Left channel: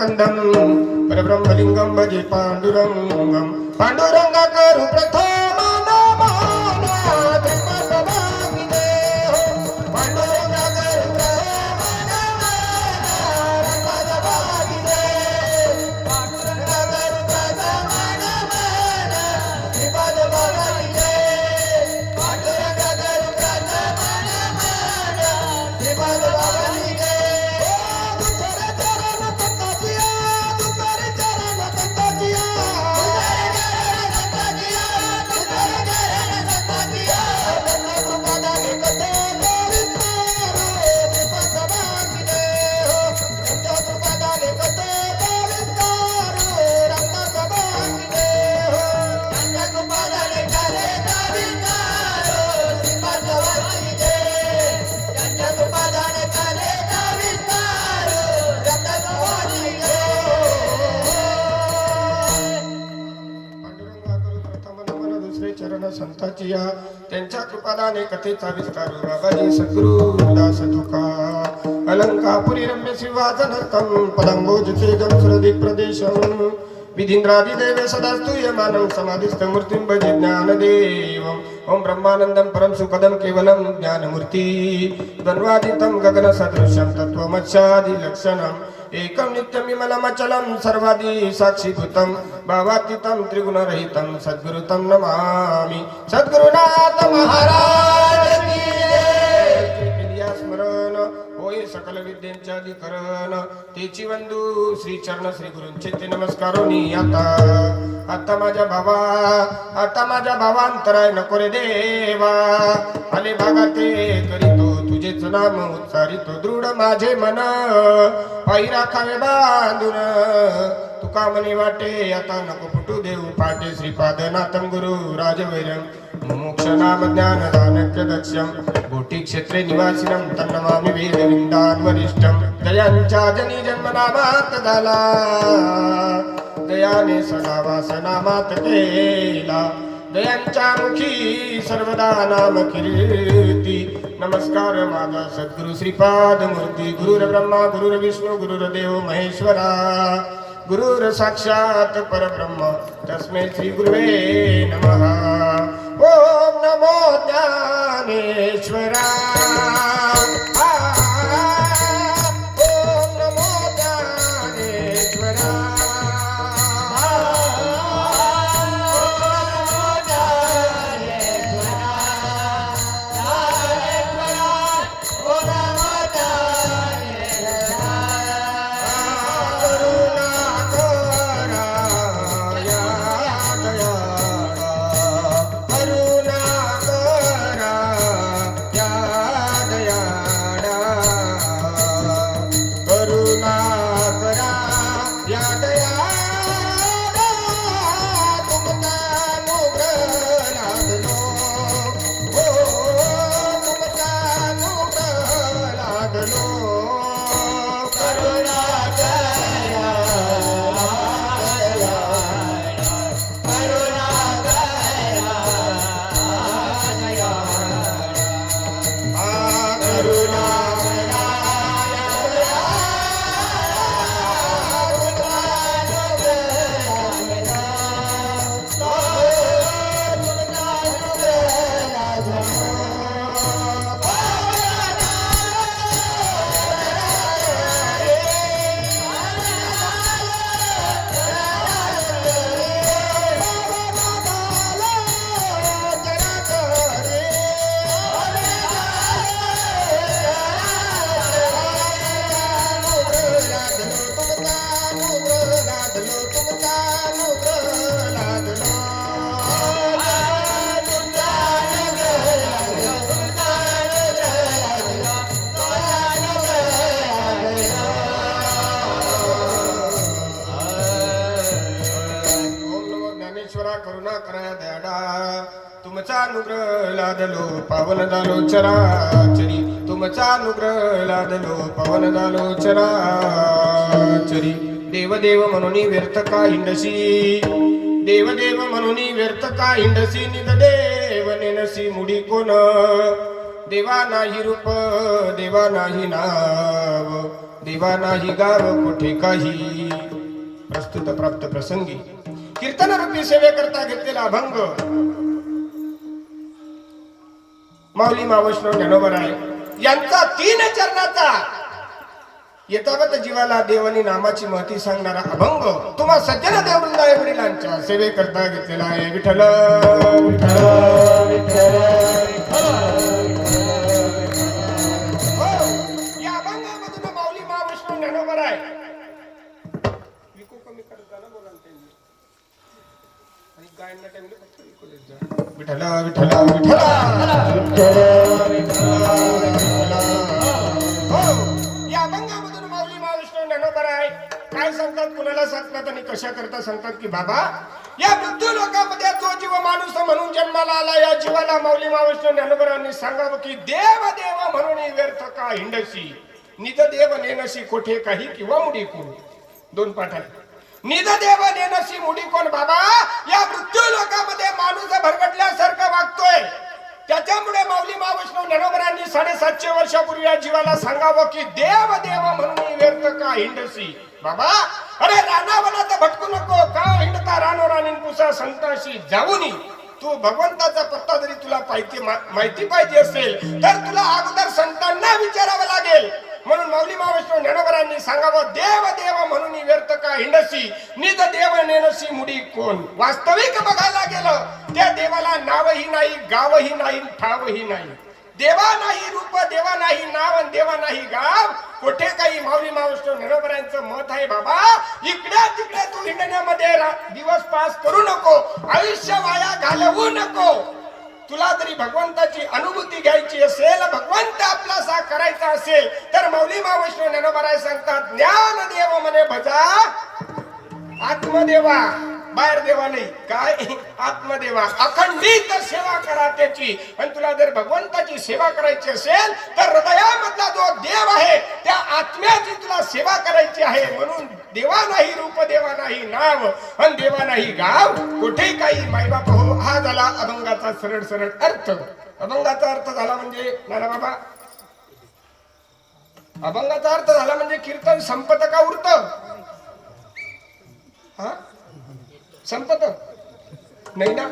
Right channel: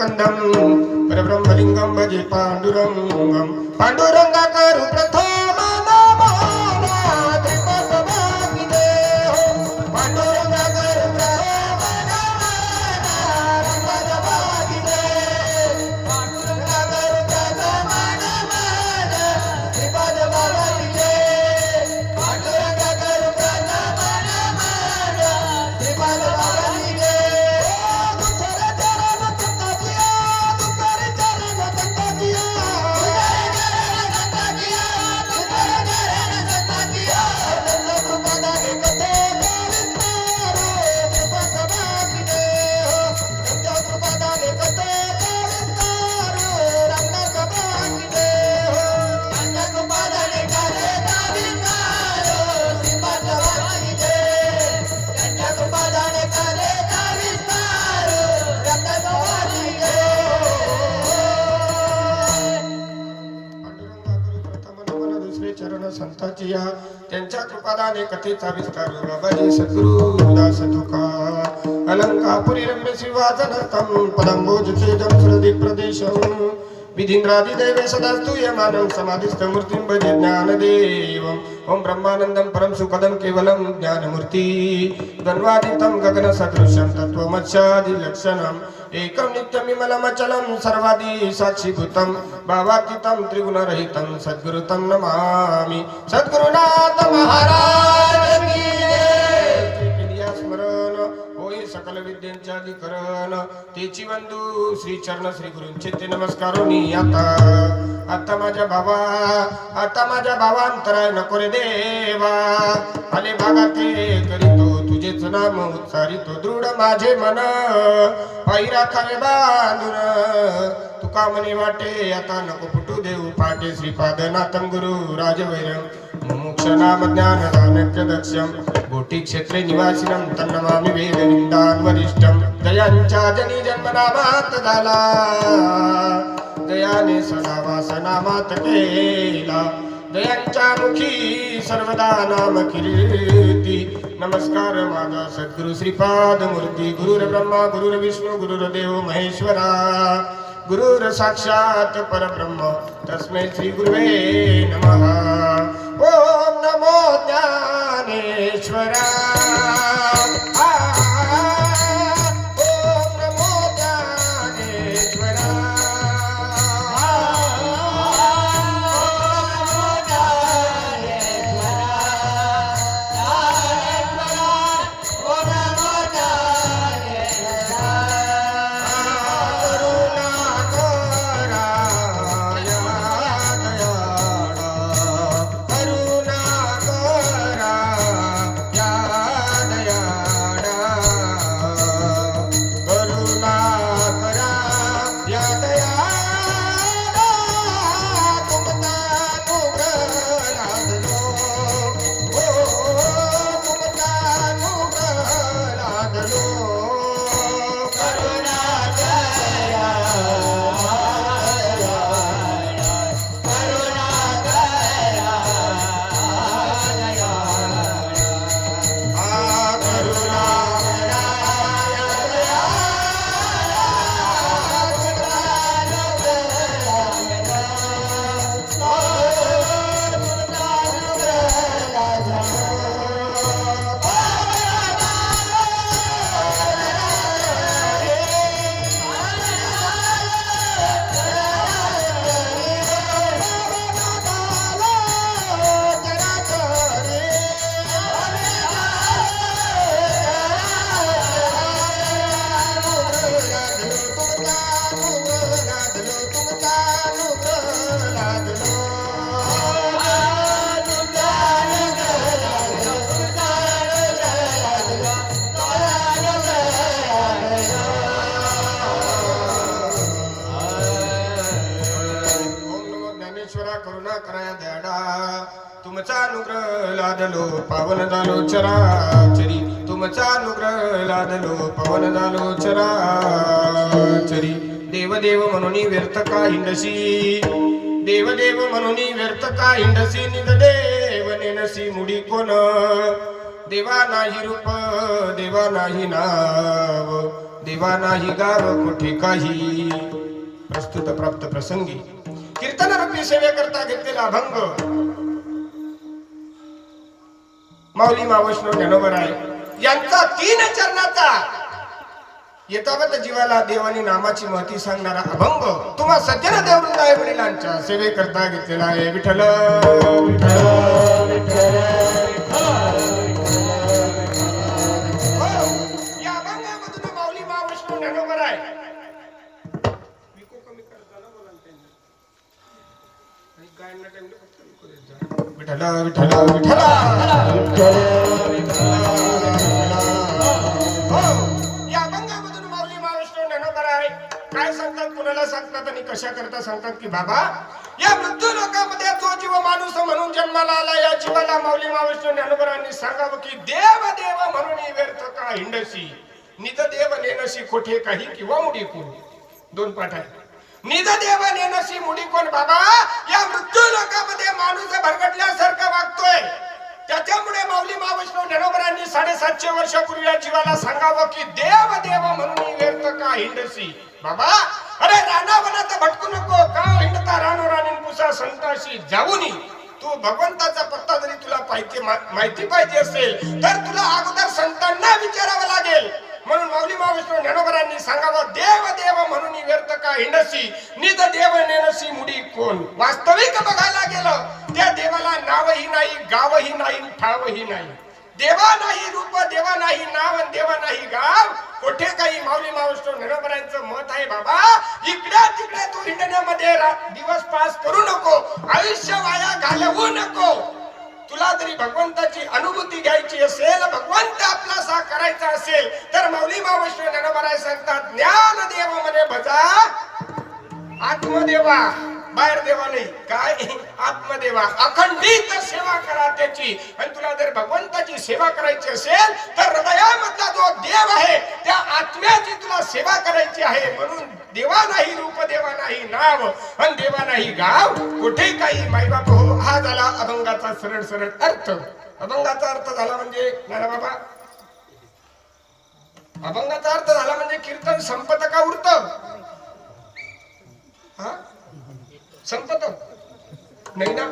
स्कंदम परब्रह्मलिंगम भजे पांडुरंगम पांडुरंग करू प्रथम चरण संताची या त्यांच्या कृपादाने कथेचा विस्तार बाबाजी सद्गुरु दास तुका अलंकापुरी रम्य श्रीवादनकं पदंबोज तेजं श्रुति प्रदेशं विधींद्रादि दैव सदास्तूयमानं समाधिस्थ मूर्तिं भजे ज्ञानदेवं ओम ब्रह्मानंदं परम सुखदं केवलं ज्ञानमूर्ति द्वन्द्वातीतं गगन सदृशं तत्त्वमस्यादि लक्षणम् एकं नित्यमिमलमचलं सर्वादि साक्षीभूतं भावातीतं त्रिगुणरहितं सद्गुरुतं नमामि सद्गुरुनाथ महाराज की जय स्मरण होय सकल विद्यांचे अधिकरण तेची वंदू श्री चरण श्री गुरूंचे ते नमस्कारोनी आता माझ्या भावांतराय नको रे देवा आले भागाते करीतो तुझेच नाम उच्चारितो दृढ माझे मन पायी राखावे बांधून तुका मनी वाटे आता नको फुटू देऊ पाटे श्रीपादनाथं गुरु राजवैरं मोक्ष नाम ज्ञान दानक्य दक्षं गोटी क्षेत्रे निवासिनं तन्नमामि वेदविंदान् वरिष्ठं दयांच्या जनी जन्मनामात झाला दयाने सदावासनामात केला दयांच्या मुखी सर्वदा नाम कीर्ती नमस्कार माझा सद्गुरु श्रीपाद मूर्ती गुरुर्ब्रह्मा गुरुर्विष्णू गुरुर्देव महेश्वरा गुरुर साक्षात परब्रह्म तस्मै श्री गुरुवे नमः ओम नमो ज्ञानेश्वरा तुमचा अनुग्रह लादलो पावन झालो चराचरी तुमचा अनुग्रह लादलो पावन झालो चराचरी देवदेव म्हणून व्यर्थ का हिंडसी देवदेव म्हणून व्यर्थ का हिंडसी निज देव नेनसी मुडी कोण देवा नाही रूप देवा नाही नाव देवा नाही गाव कुठे काही. प्रस्तुत प्राप्त प्रसंगी कीर्तन रूपी सेवेकरता घेतलेला अभंग माऊली मावैष्णव ज्ञानोबराय यांचा 3 चरणाचा यथावत जीवाला देवानी नामाची महती सांगणारा अभंग तुम्हा सज्जन देववृंदाय वडिलांच्या सेवेकरता घेतलेला आहे. विठ्ठल विठ्ठल विठ्ठल. या अभंगामधून माऊली मावैष्णव ज्ञानोबराय विको कमी करत जाणं बोला त्यांनी आणि गायनला टाइम फक्त विको देत जा. विठ्ठल विठ्ठल विठ्ठल. काय सांगतात, कुणाला सांगतात आणि कशा करता सांगतात की बाबा या मृत्यू लोकांमध्ये जो जीव माणूस म्हणून जन्माला आला या जीवाला माऊली मावैष्णव ज्ञानोबरांनी सांगावं की देव देव म्हणून व्यर्थ का हिंडसी. निज देव नेनसी कोठे काही किंवा मुडी कोण. 2 पाठ आहे. निज देव नेनसी मुडी कोण. बाबा या मृत्यू लोकांमध्ये माणूस भरगटल्यासारखा वागतोय. त्याच्यामुळे माऊली मावैष्णव ज्ञानोबरांनी 750 वर्षापूर्वी या जीवाला सांगावं की देव देव म्हणून व्यर्थ का हिंडसी. बाबा अरे रानावनात भटकू नको. का हिंडता रानो राणीन पुसा संताशी जाऊनी. तू भगवंताचा पत्ता जरी तुला माहिती पाहिजे असेल तर तुला अगोदर संतांना विचारावं लागेल. म्हणून माऊली मावैष्णव ज्ञानोबरांनी सांगावं देव देव म्हणून व्यर्थ का हिंडसी. निज देव नेनसी मुडी कोण. वास्तविक बघायला गेलं त्या देवाला नावही नाही, गावही नाही, ठावही नाही. देवा नाही रूप, देवा नाही नाव, देवा नाही गाव, कोठे काही. माऊली मावैष्णव ज्ञानोबरांचं मत आहे बाबा इकडे तिकडे तू हिंडण्यामध्ये दिवस पास करू नको, आयुष्य वाया घालवू नको. तुला जरी भगवंताची अनुभूती घ्यायची असेल, भगवंत आपलासा करायचा असेल तर माऊली मावैष्णव ज्ञानोबराय सांगतात ज्ञान देव म्हणे भजा आत्मदेवा. बाहेर देवा नाही, काय आत्मदेवा. अखंडित सेवा करा त्याची. आणि तुला जर भगवंताची सेवा करायची असेल तर हृदयामधला जो देव आहे त्या आत्म्याची तुला सेवा करायची आहे. म्हणून देवा नाही रूप, देवा नाही नाव, आणि देवा नाही गाव, कुठे काही. मायबाप हो. हा झाला अभंगाचा सरळ सरळ अर्थ. अभंगाचा अर्थ झाला म्हणजे नाना बाबा अभंगाचा अर्थ झाला म्हणजे कीर्तन संपत का उरत. हा संपत नाही ना.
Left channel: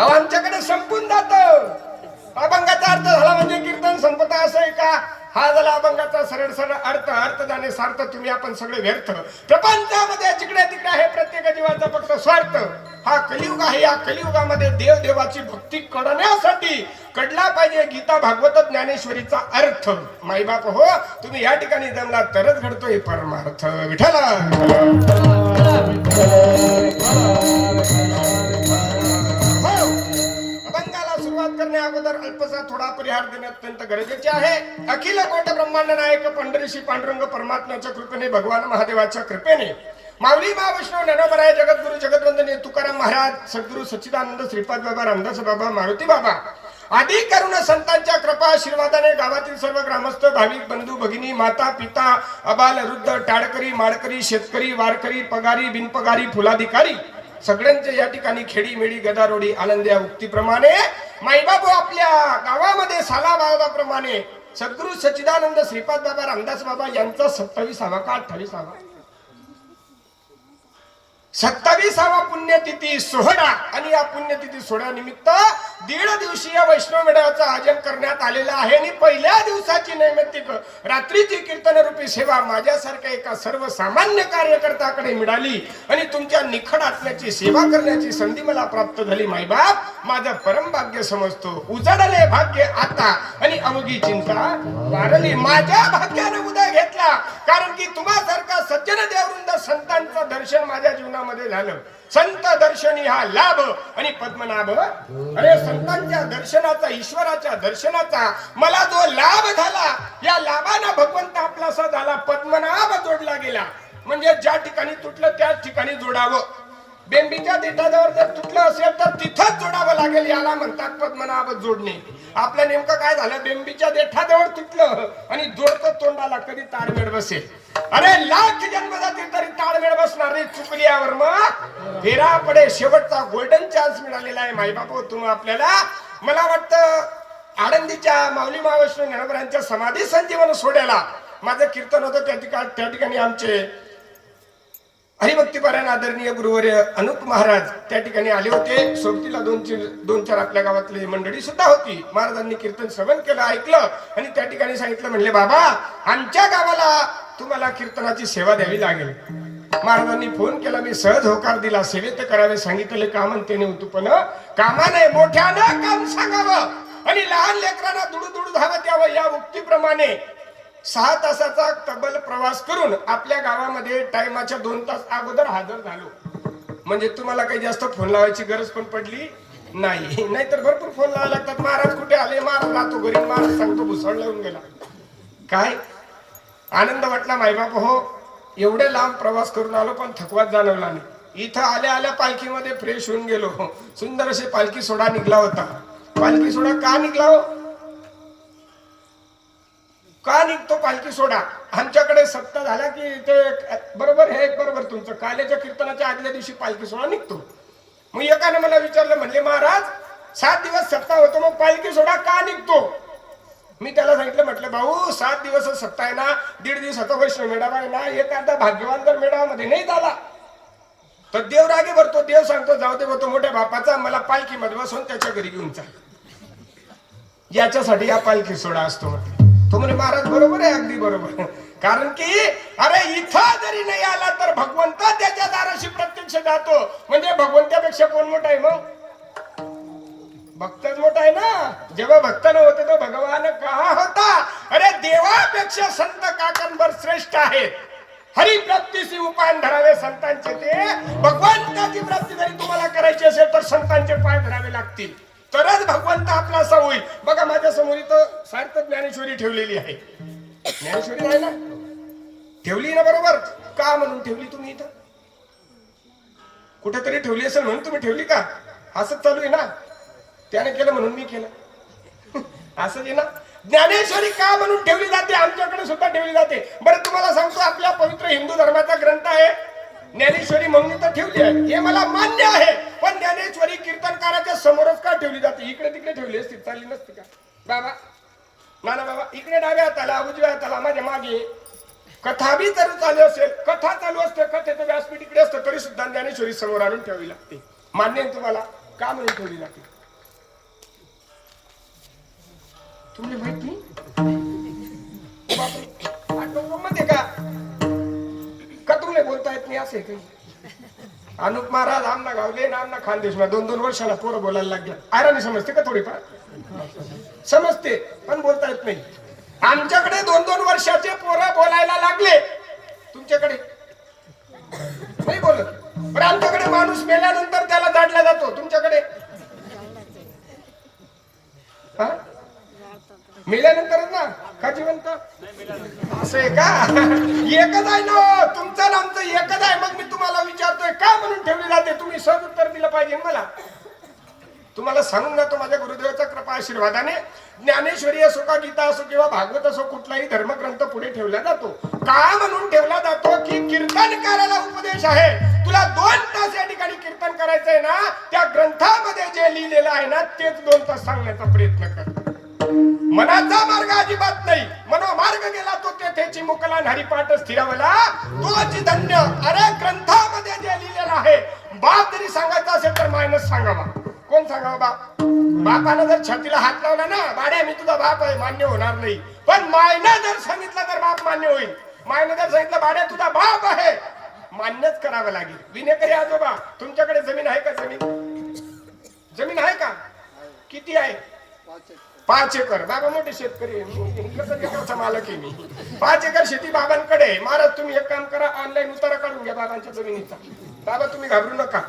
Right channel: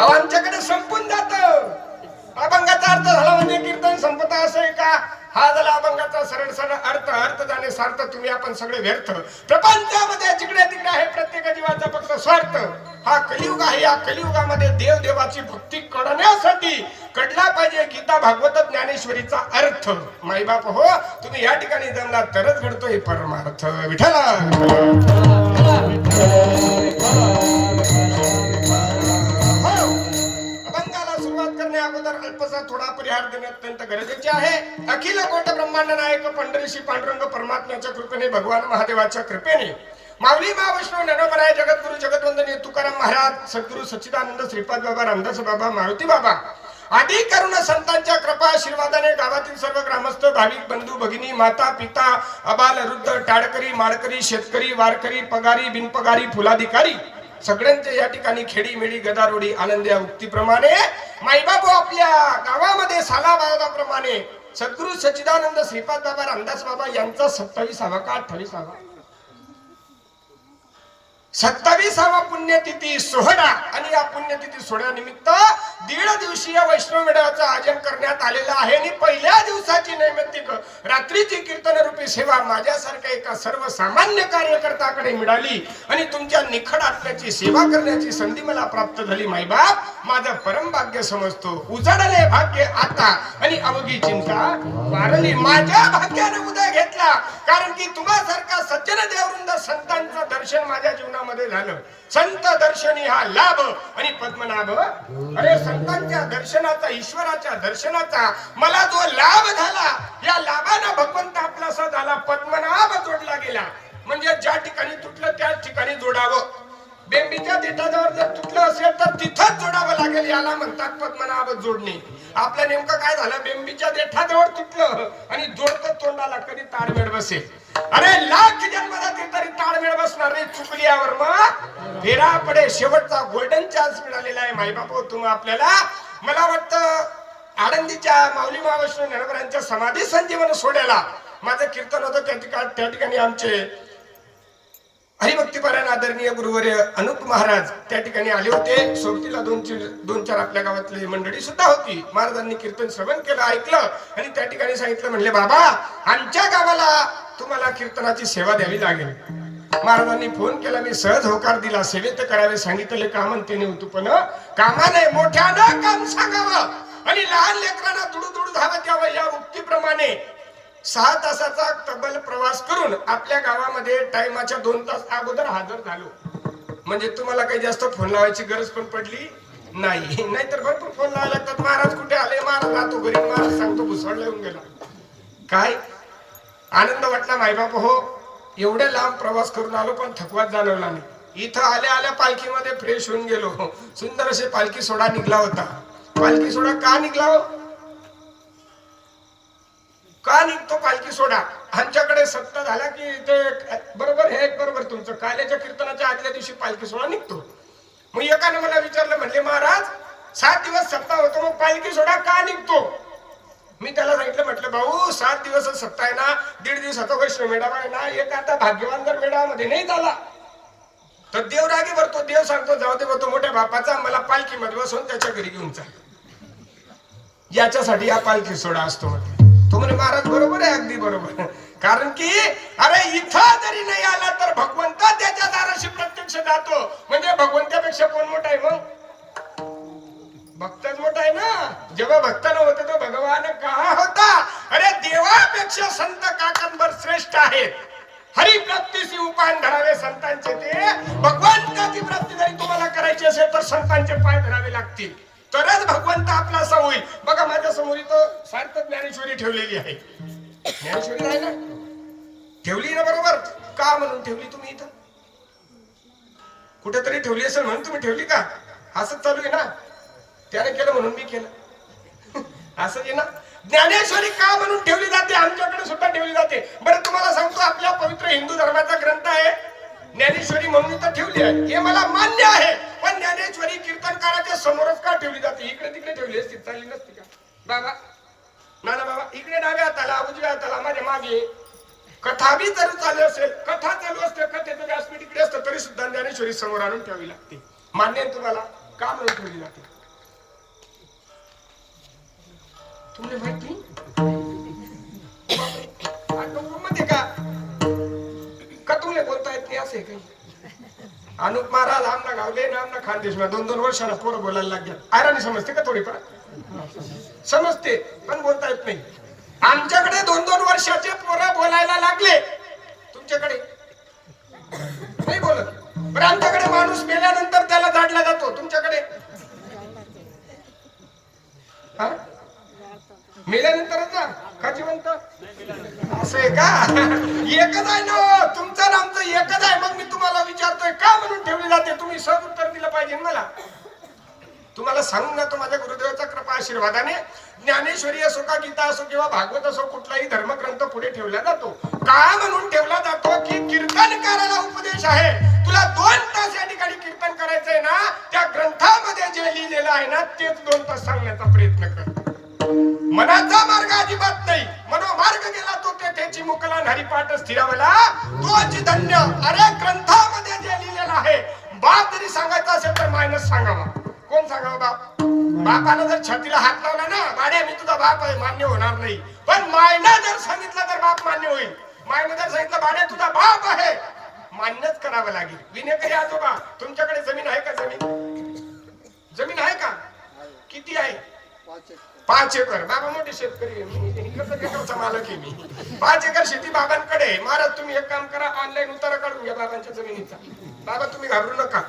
आमच्याकडे संपून जात. अभंगाचा अर्थ झाला म्हणजे कीर्तन संपत असं आहे का. हा झाला अभंगाचा सरळ सरळ अर्थ. अर्थ जाणे सार्थ तुम्ही आपण सगळे व्यर्थ. प्रपंचामध्ये जिकडे तिकडे आहे प्रत्येक जीवाचा फक्त स्वार्थ. हा कलियुग आहे. या कलियुगामध्ये देव देवाची भक्ती करण्यासाठी कडला पाहिजे गीता भागवत ज्ञानेश्वरीचा अर्थ. माईबाप हो तुम्ही या ठिकाणी जमला तरच घडतोय परमार्थ. विठ्ठला अभंगाला सुरुवात करण्या अगोदर अल्पसा थोडा परिहार देणे अत्यंत गरजेचे आहे. अखिल कोट ब्रह्मांड नायक पंढरीशी पांडुरंग परमात्म्याच्या कृपेने भगवान महादेवाच्या कृपेने माऊली मावैष्णव ज्ञानोबराय जगद्गुरु जगतवंदनीय तुकाराम महाराज, सद्गुरु सच्चिदानंद श्रीपाद बाबा, रामदास बाबा, मारुती बाबा आदी करुण संतांच्या कृपा आशीर्वादाने गावातील सर्व ग्रामस्थ, भाविक बंधू भगिनी, माता पिता, अबाल वृद्ध, टाळकरी माळकरी, शेतकरी वारकरी, पगारी बिनपगारी, फुलाधिकारी सगळ्यांचे या ठिकाणी खेडी मेडी गदारोडी आनंद्या उक्तीप्रमाणे माईबाबू आपल्या गावामध्ये सालाबादाप्रमाणे सद्गुरु सच्चिदानंद श्रीपाद बाबा, रामदास बाबा यांचा 27वा का 28वा 27वा पुण्यतिथी सोहळा. आणि या पुण्यतिथी सोहळ्यानिमित्त 1.5 दिवसीय वैष्णव मेळाव्याचं आयोजन करण्यात आलेलं आहे. आणि पहिल्या दिवसाची नैमित्तिक रात्रीची कीर्तन रूपी सेवा माझ्यासारख्या एका सर्वसामान्य कार्यकर्त्याकडे मिळाली आणि तुमच्या निखड आत्म्याची सेवा करण्याची संधी मला प्राप्त झाली. मायबाप माझं परम भाग्य समजतो. उजळले भाग्य आता आणि अवघी चिंता वारली. माझ्या भाग्याने उदय घेतला कारण की तुम्हासारखा सज्जन देववृंद संतांचं दर्शन माझ्या जीवनामध्ये झालं. संत दर्शनी हा लाभ आणि पद्मनाभ. अरे संतांच्या दर्शनाचा, ईश्वराच्या दर्शनाचा मला जो लाभ झाला या लाभाने भगवंत आपलासा झाला. पद्मनाभ जोडला गेला म्हणजे ज्या ठिकाणी तुटलं त्याच ठिकाणी जोडावं. बेंबीच्या देठाजवळ जर तुटलं असेल तर तिथंच जोडावं लागेल. याला म्हणतात पद्मनाभ जोडणे. आपलं नेमकं काय झालं, बेंबीच्या देठाजवळ तुटलं आणि जोडतं तोंडाला, कधी ताळमेळ बसेल. अरे लाख जन्म जातील तरी ताळमेळ बसणार नाही. चुकल्यावर मग फेरा पडे. शेवटचा गोल्डन चान्स मिळालेला आहे. माईबापू तुम्ही आपल्याला, मला वाटतं आळंदीच्या माऊली मावैष्णव ज्ञानोबरांच्या समाधी संजीवन सोहळ्याला माझं कीर्तन होतं त्या ठिकाणी आमचे हरिभक्तीपरायण आदरणीय गुरुवर्य अनुप महाराज त्या ठिकाणी आले होते. सोबतीला दोन चार आपल्या गावातली मंडळी सुद्धा होती. महाराजांनी कीर्तन श्रवण केलं, ऐकलं आणि त्या ठिकाणी सांगितलं, म्हणले बाबा आमच्या गावाला तुम्हाला कीर्तनाची सेवा द्यावी लागेल. महाराजांनी फोन केला, मी सहज होकार दिला. सेवेत करावे सांगितले काम त्याने उतुपण कामाने मोठ्यानं काम सांगावं आणि लहान लेकरांना दुडू धावत यावं. या उक्तीप्रमाणे 6 तासाचा तब्बल प्रवास करून आपल्या गावामध्ये टाइमाच्या 2 तास अगोदर हजर झालो. म्हणजे तुम्हाला काही जास्त फोन लावायची गरज पण पडली नाही. नाहीतर भरपूर फोन लावायला लागतात. महाराज कुठे आले, महाराज राहतो घरी, महाराज सांगतो भुसळ येऊन गेला. काय आनंद वाटला मायबाप हो, एवढे लांब प्रवास करून आलो पण थकवात जाणवला नाही. इथं आल्या पालखीमध्ये फ्रेश होऊन गेलो. सुंदर असे पालखी सोडा निघला होता. पालखी सोडा का निघला हो, का निघतो पालखी सोडा? आमच्याकडे सप्ताह झाला की ते बरोबर हे बरोबर तुमचं काल्याच्या कीर्तनाच्या आदल्या दिवशी पालखी सोडा निघतो. मग एकाने मला विचारलं, म्हणले महाराज 7 दिवस सप्ताह होतो, मग पालखी सोडा का निघतो? मी त्याला सांगितलं, म्हटलं भाऊ 7 दिवस सप्ताह आहे ना, 1.5 दिवसाचा वैष्णव मेळावा आहे ना, एखादा भाग्यवान जर मेळाव्यामध्ये नाही झाला तर देव रागे भरतो. देव सांगतो जाऊ दे तो मोठ्या बापाचा मला पालखीमध्ये बसवून त्याच्या घरी घेऊन चाल. याच्यासाठी हा पालखी सोडा असतो. तो म्हणे महाराज बरोबर आहे, अगदी बरोबर. कारण की अरे इथं जरी नाही आला तर भगवंत त्याच्या दाराशी प्रत्यक्ष जातो. म्हणजे भगवंतापेक्षा कोण मोठा आहे? मग भक्तच मोठा आहे ना. जेव्हा भक्त नव्हते तो भगवान कहा होता. अरे देवापेक्षा संत काकंबर श्रेष्ठ आहे. हरी प्राप्तीची उपाय धरावे संतांचे. ते भगवंताची प्राप्ती जरी तुम्हाला करायची असेल तर संतांचे पाय धरावे लागतील, तरच भगवंत आपला असा होईल. बघा माझ्या समोर इथं सार्थक ज्ञानेश्वरी ठेवलेली आहे. ज्ञानेश्वरी आहे ना, ठेवली ना बरोबर. का म्हणून ठेवली तुम्ही इथं? कुठेतरी ठेवली असेल म्हणून तुम्ही ठेवली का? असंच चालू आहे ना, त्याने केलं म्हणून मी केलं असं आहे ना. ज्ञानेश्वरी का म्हणून ठेवली जाते? आमच्याकडे सुद्धा ठेवली जाते. बरं तुम्हाला सांगतो, आपल्या पवित्र हिंदू धर्माचा ग्रंथ आहे ज्ञानेश्वरी म्हणून इथं ठेवली आहे, हे मला मान्य आहे. पण ज्ञानेश्वरी कीर्तनकाराच्या समोरच का ठेवली जाते? इकडे तिकडे ठेवली असती चालली नसती का बाबा? ना बाबा, इकडे डाव्या हाताला उजव्या हाताला माझ्या मागे कथा बी जर चालू असेल, कथा चालू असते, कथेचं व्यासपीठ इकडे असतं, तरी सुद्धा ज्ञानेश्वरी समोर आणून ठेवावी लागते. मान्य आहे तुम्हाला? का म्हणून ठेवली जाते तुम्ही माहिती मध्ये का तुम्ही बोलता येत नाही असे काही? अनुप महाराज आमना गावले ना, आमना खानदेश 2-2 वर्षाला पोरं बोलायला लागले. आयराणी समजते का? थोडीफार समजते पण बोलता येत नाही. आमच्याकडे 2-2 वर्षाचे पोरं बोलायला लागले, तुमच्याकडे नाही बोलत. पण आमच्याकडे माणूस मेल्यानंतर त्याला जाडला जातो, तुमच्याकडे मेल्यानंतरच ना का जिवंत? असं आहे का? एकच आहे ना, तुमचं ना आमचं एकच आहे. मग मी तुम्हाला विचारतोय का म्हणून ठेवली जाते? तुम्ही सहज उत्तर दिलं पाहिजे मला. तुम्हाला सांगून ना, तो माझ्या गुरुदेवाचा कृपा आशीर्वादाने ज्ञानेश्वरी असो का गीता असो किंवा भागवत असो, कुठलाही धर्मग्रंथ पुढे ठेवला जातो. का म्हणून ठेवला जातो की कीर्तनकाराला उपदेश आहे. तुला 2 तास या ठिकाणी कीर्तन करायचंय ना, त्या ग्रंथामध्ये जे लिहिलेलं आहे ना तेच 2 तास सांगण्याचा प्रयत्न कर. मनाचा मार्ग अजिबात नाही. मनोमार्ग गेला तो तेथेची मुकला हरिपाठ स्थिरावला तोच धन्य. अरे ग्रंथामध्ये जे लिहिलेलं आहे, बाप जरी सांगायचा असेल तर मायनस सांगावा. कोण सांगावा? बाप. बापाला जर छातीला हात लावला ना, गाडी मी तुझा बाप आहे, मान्य होणार नाही. पण मायने जर सांगितलं तर बाप मान्य होईल. मायने जर सांगितलं बाड्या तुझा बाप आहे, मान्यच करावं लागेल. विनेकरी आजोबा, तुमच्याकडे जमीन आहे का? जमीन आहे का? किती आहे? 5 एकर. बाबा मोठे शेतकरी मालक आहे मी. 5 एकर शेती बाबांकडे. महाराज तुम्ही एक काम करा, ऑनलाईन उतारा काढून घ्या बाबांच्या जमिनीचा. बाबा तुम्ही घाबरू नका.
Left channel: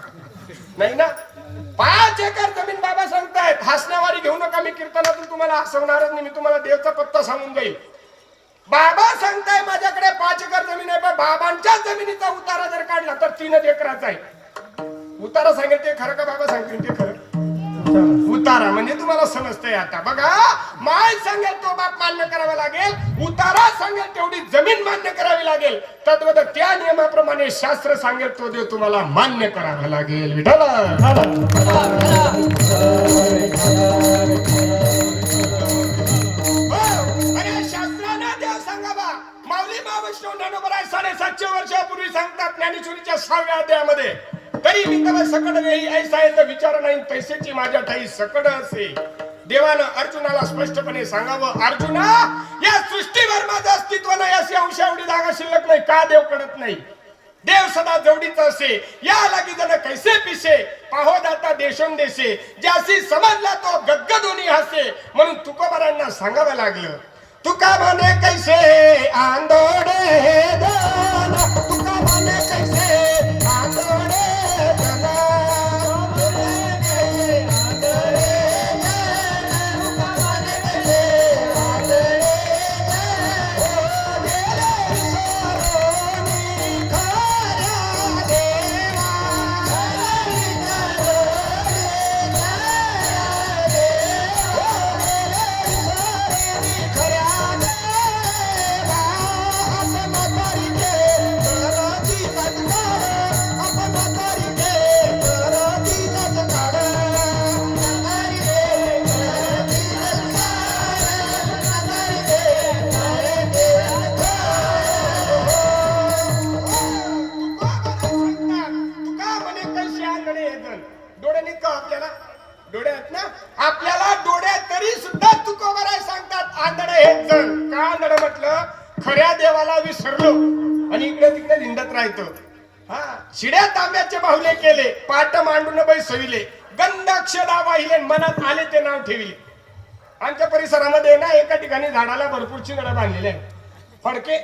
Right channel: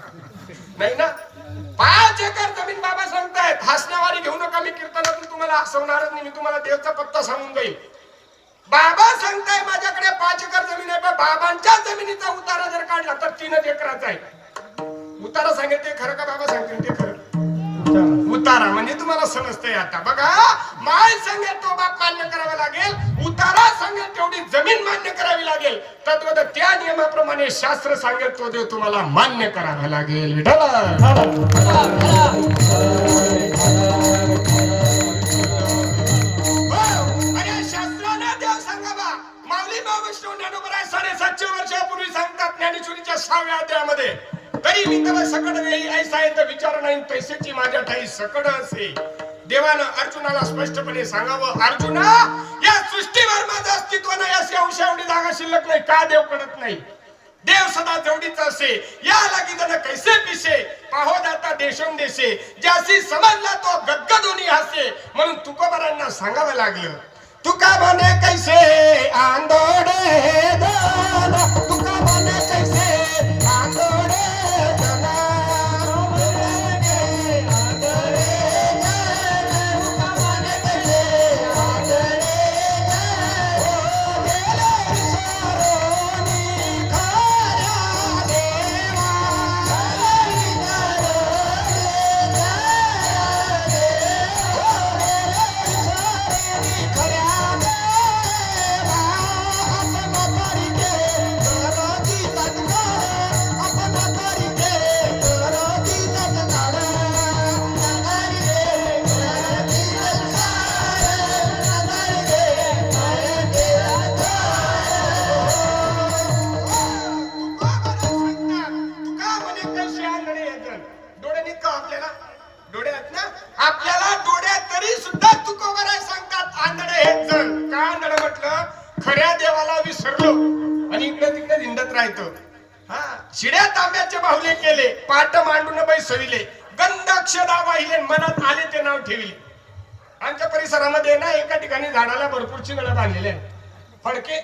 नाही ना, 5 एकर जमीन बाबा सांगतायत. हसण्यावारी घेऊ नका, मी कीर्तनातून तुम्हाला हसवणारच नाही. मी तुम्हाला देवचा पत्ता सांगून जाईल. बाबा सांगताय माझ्याकडे 5 एकर जमीन आहे, पण बाबांच्या जमिनीचा उतारा जर काढला तर 3 एकराचा आहे. उतारा सांगेल ते खरं का बाबा सांगतील ते खरं? उतारा म्हणजे तुम्हाला समजतंय आता. बघा, माय सांगेल तो बाप मान्य करावा लागेल, उतारा सांगेल तेवढी जमीन मान्य करावी लागेल. तद्वत त्या नियमाप्रमाणे शास्त्र सांगेल तो देव तुम्हाला मान्य करावा लागेल. शास्त्राने देव सांगावा, येणार नाही तैसेची माझ्या ठाई सकड असे. देवानं अर्जुनाला स्पष्टपणे सांगावं, अर्जुना या सृष्टीवर माझं अस्तित्व नाही, अशी अंशावडी जागा शिल्लक नाही. का देव कळत नाही? देव सदा जेवढीच असे, या लागी जण कैसे पिसे पाहो दाता देशोन देशे, ज्यासी समजला तो गद्गदोनी हसे. म्हणून तुकोबारांना सांगावं लागलं, तुका म्हणे कैसे आंदोडे दान, तुका म्हणे कैसे आंदोडे शिड्या तांब्याचे बाहुले केले, पाट मांडून बैसविले, गंधाक्षरा वाहिले, मनात आले ते नाव ठेवले. आमच्या परिसरामध्ये ना एका ठिकाणी झाडाला भरपूर चिंधडे बांधलेले आहेत. फडके